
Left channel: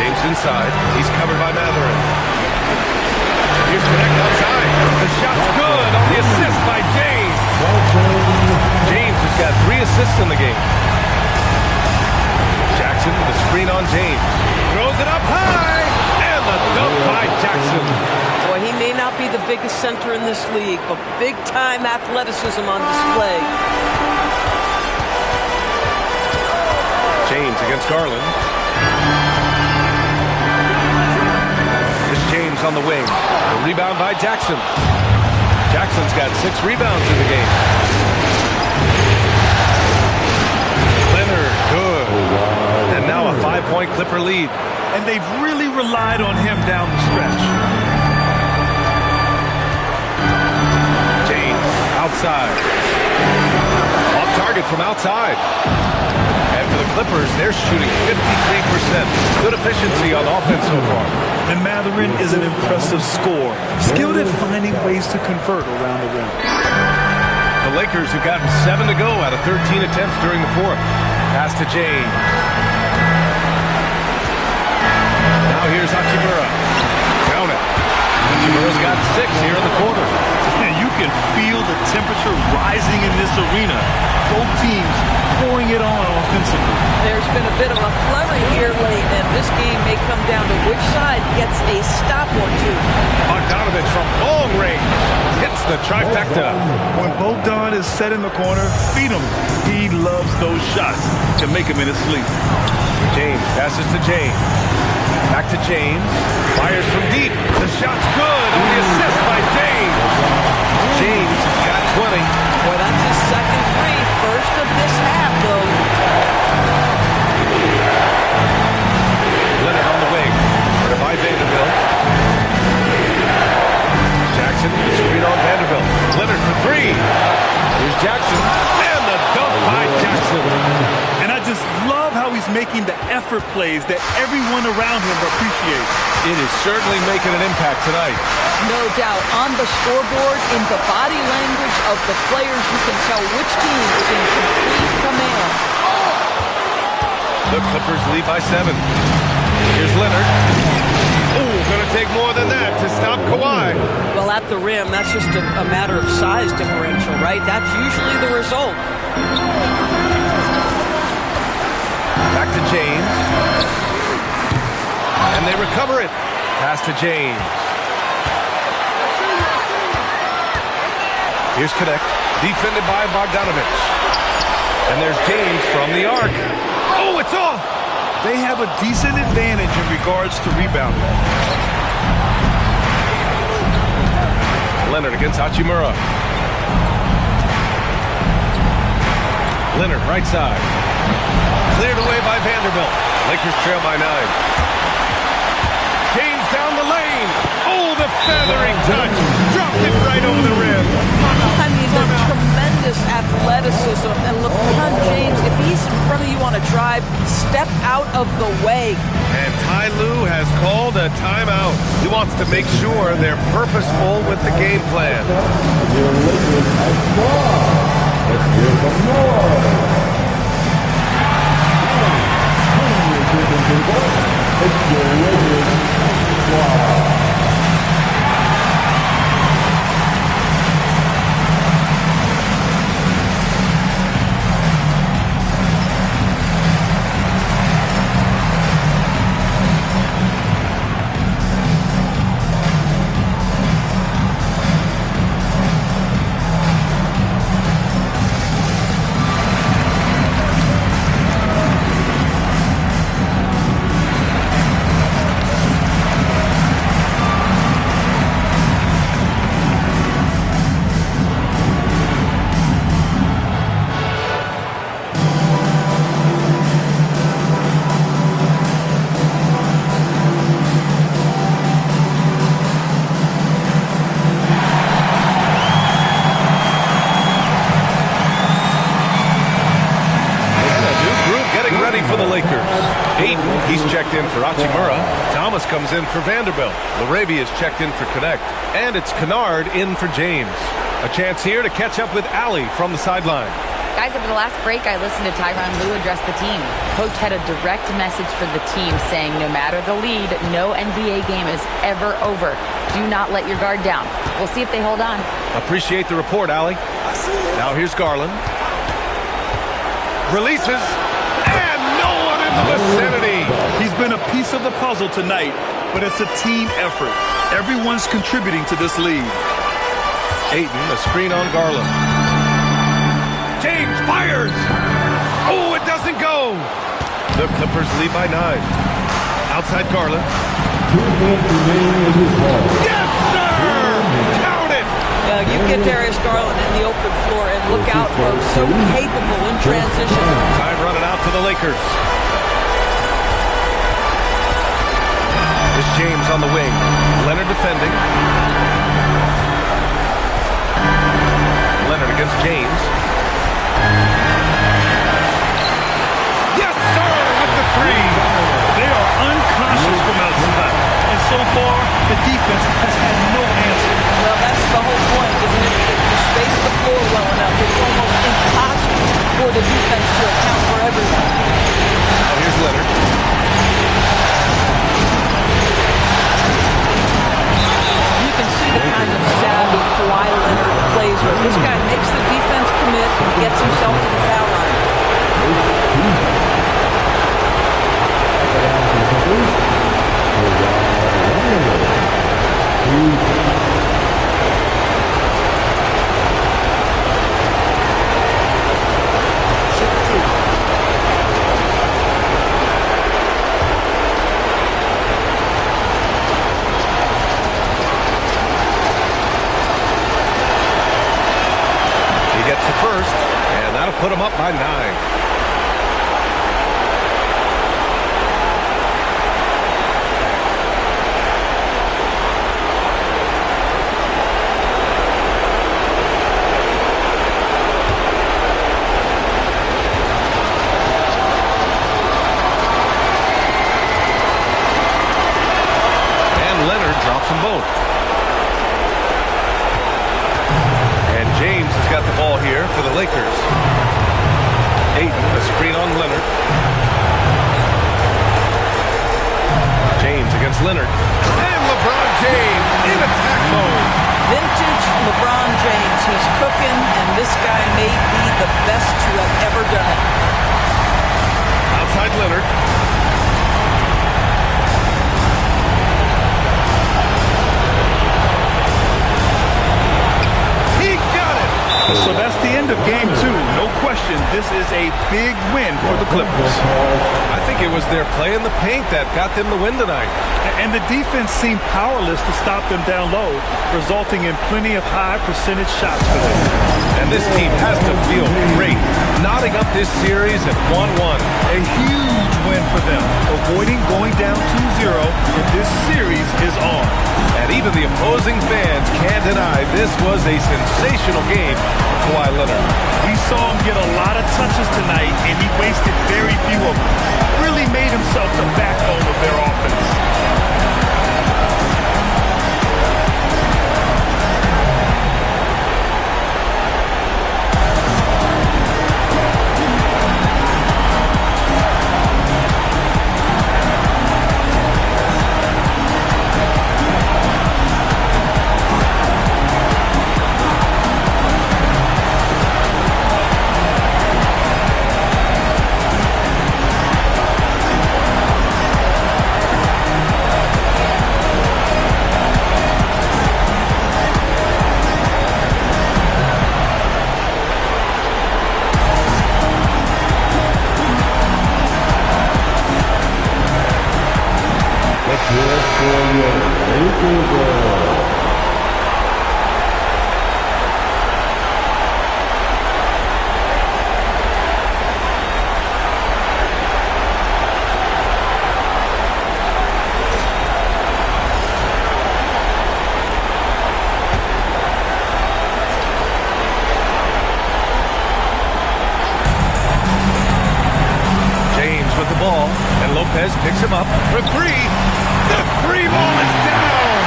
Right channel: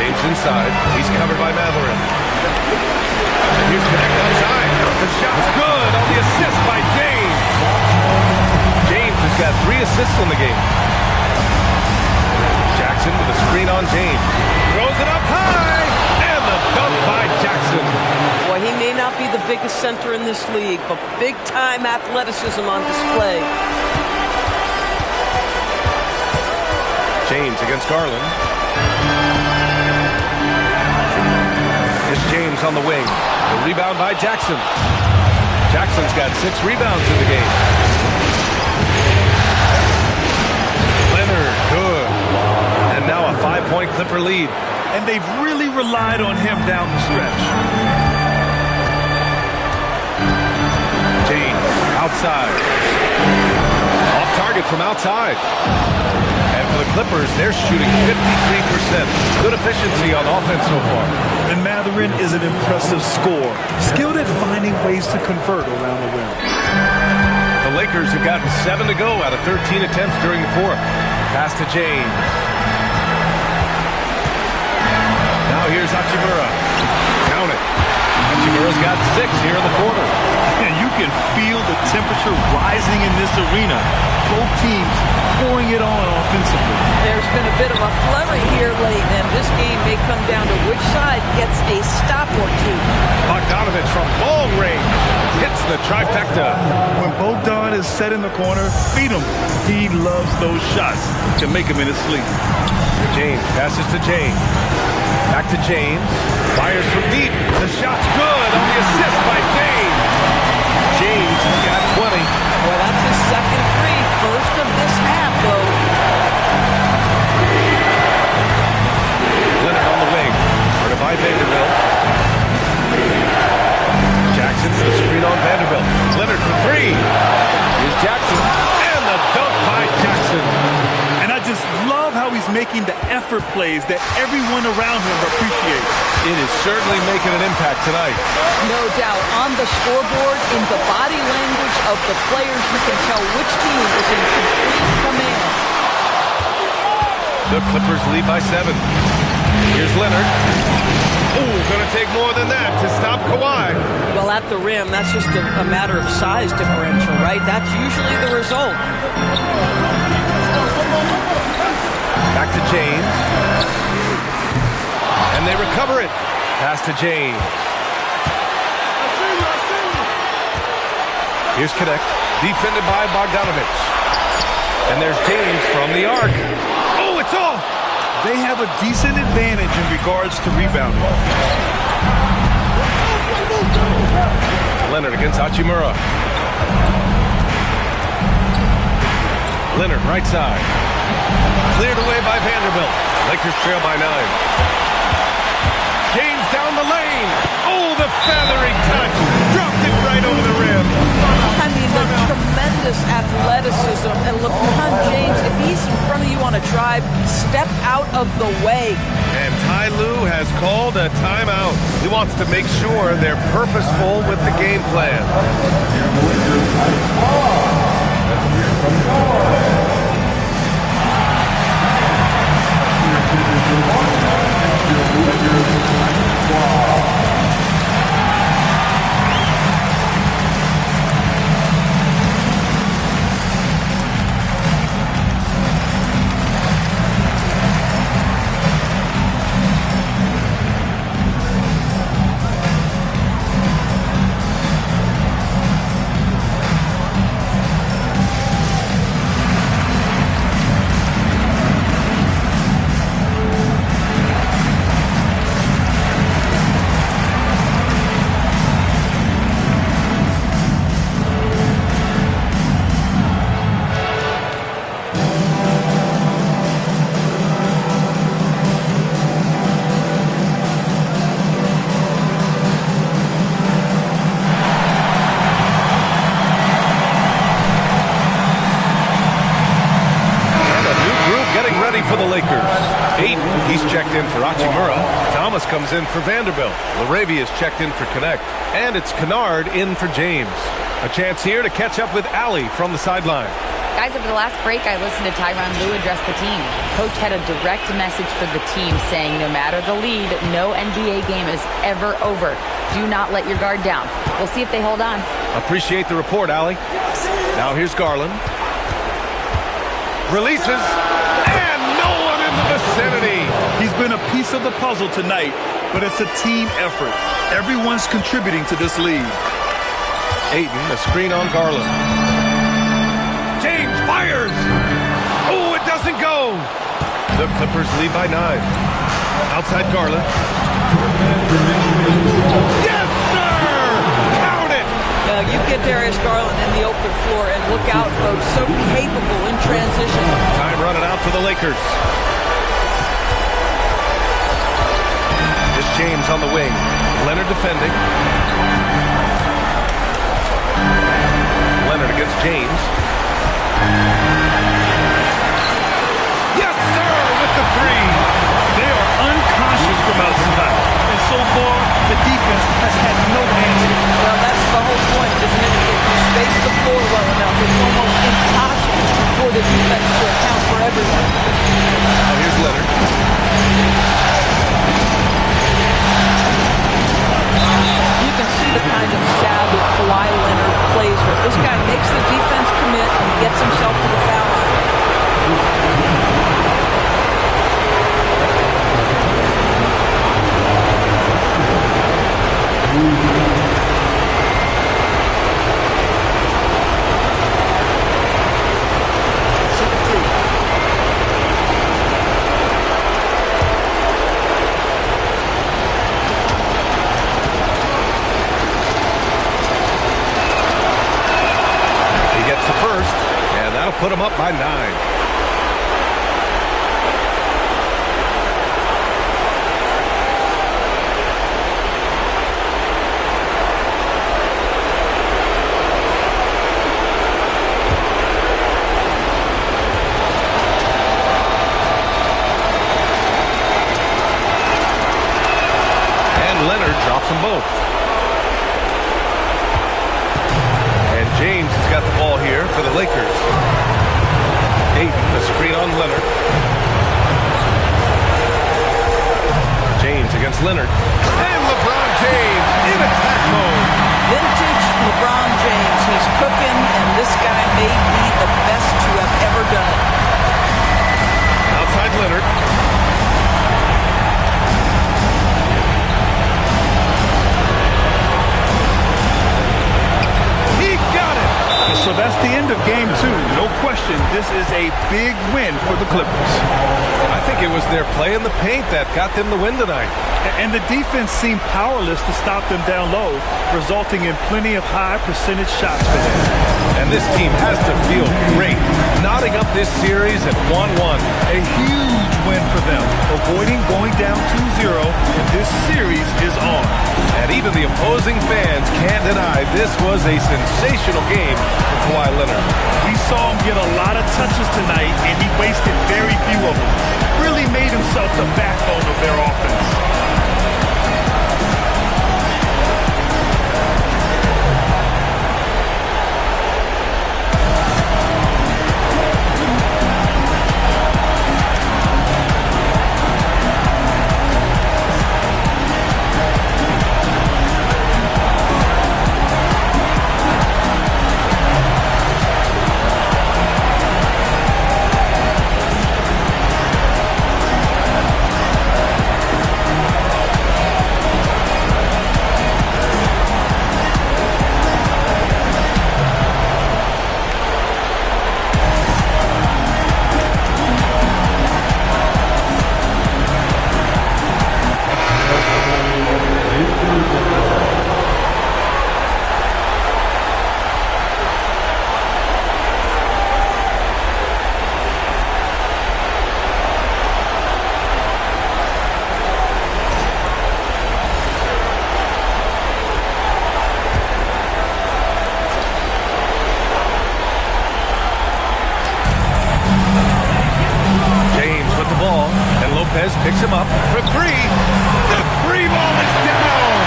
James inside. He's covered by Matherin. And here's connect outside. The shot's good on the assist by James. James has got 3 assists in the game. Jackson with a screen on James. Throws it up high. And the dunk by Jackson. Boy, he may not be the biggest center in this league, but big-time athleticism on display. James against Garland. Here's James on the wing. The rebound by Jackson. Jackson's got 6 rebounds in the game. Leonard, good. And now a 5-point Clipper lead. And they've really relied on him down the stretch. James outside. off target from outside. And for the Clippers, they're shooting 53%. Good efficiency on offense so far. And Mathurin is an impressive scorer, skilled at finding ways to convert around the rim. The Lakers have gotten 7 to go out of 13 attempts during the fourth. Pass to James. Now here's Hachimura. Count it. Hachimura's got 6 here in the quarter. And you can feel the temperature rising in this arena. Both teams pouring it on offensively. There's been a bit of a flurry here late, and this game may come down to which side gets a stop or two. Bogdanovich from long range hits the trifecta. When Bogdan is set in the corner, feed him. He loves those shots to make him in his sleep. James passes to James. Back to James. Fires from deep. The shot's good on the assist by James. James has got 20. Boy, that's his second three. First of this half, though. Leonard on the wing. Guarded by Vanderbilt. Jackson with the screen on Vanderbilt. Leonard for 3. Here's Jackson. And the dunk by Jackson. And I just love how he's making the effort plays that everyone around him appreciates. It is certainly making an impact tonight. No doubt. On the scoreboard, in the body language of the players, you can tell which team is in complete command. The Clippers lead by 7. Here's Leonard. Oh, going to take more than that to stop Kawhi. Well, at the rim, that's just a matter of size differential, right? That's usually the result. Back to James. And they recover it. Pass to James. Here's Connect. Defended by Bogdanovich. And there's James from the arc. Oh, it's off! They have a decent advantage in regards to rebounding. Leonard against Hachimura. Leonard, right side. Cleared away by Vanderbilt. Lakers trail by 9. James down the lane. Oh, the feathering touch. Dropped it right over the rim. I mean, the tremendous athleticism. And LeBron James, if he's in front of you on a drive, step out of the way. And Ty Lue has called a timeout. He wants to make sure they're purposeful with the game plan. Ready for the Lakers. Ayton, he's checked in for Hachimura. Thomas comes in for Vanderbilt. LaRavia is checked in for Connect. And it's Kennard in for James. A chance here to catch up with Allie from the sideline. Guys, over the last break, I listened to Tyronn Lue address the team. Coach had a direct message for the team saying no matter the lead, no NBA game is ever over. Do not let your guard down. We'll see if they hold on. Appreciate the report, Allie. Now here's Garland. Releases. The vicinity. He's been a piece of the puzzle tonight, but it's a team effort. Everyone's contributing to this lead. Ayton, a screen on Garland. James fires. Oh, it doesn't go. The Clippers lead by 9. Outside Garland. Yes, sir! Count it! You get Darius Garland in the open floor, and look out, folks. So capable in transition. Time running out for the Lakers. Here's James on the wing. Leonard defending. Leonard against James. Yes, sir, with the three. They are unconscious from outside. And so far, the defense has had no answer. Well, that's the whole point, isn't it? If you space the floor well enough, it's almost impossible for the defense to account for everyone. Now here's Leonard. You can see the kind of savvy Kawhi Leonard plays with. This guy makes the defense commit and gets himself to the foul line. He gets the first, and that'll put him up by 9. Leonard drops them both. And James has got the ball here for the Lakers. Ayton, a screen on Leonard. James against Leonard. And LeBron James in attack mode. Vintage LeBron James. He's cooking, and this guy may be the best to have ever done it. Outside Leonard. He got it! So that's the end of game 2. No question, this is a big win for the Clippers. I think it was their play in the paint that got them the win tonight. And the defense seemed powerless to stop them down low, resulting in plenty of high percentage shots for them. And this team has to feel great, knotting up this series at 1-1. A huge win for them, avoiding going down 2-0, and this series is on. And even the opposing fans can't deny this was a sensational game for Kawhi Leonard. We saw him get a lot of touches tonight, and he wasted very few of them. Really made himself the backbone of their offense. With the ball, and Lopez picks him up for three. The three ball is down.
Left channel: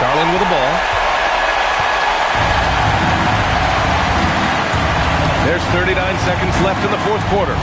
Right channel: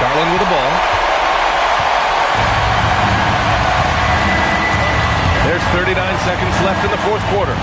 Garland with the ball. There's 39 seconds left in the fourth quarter.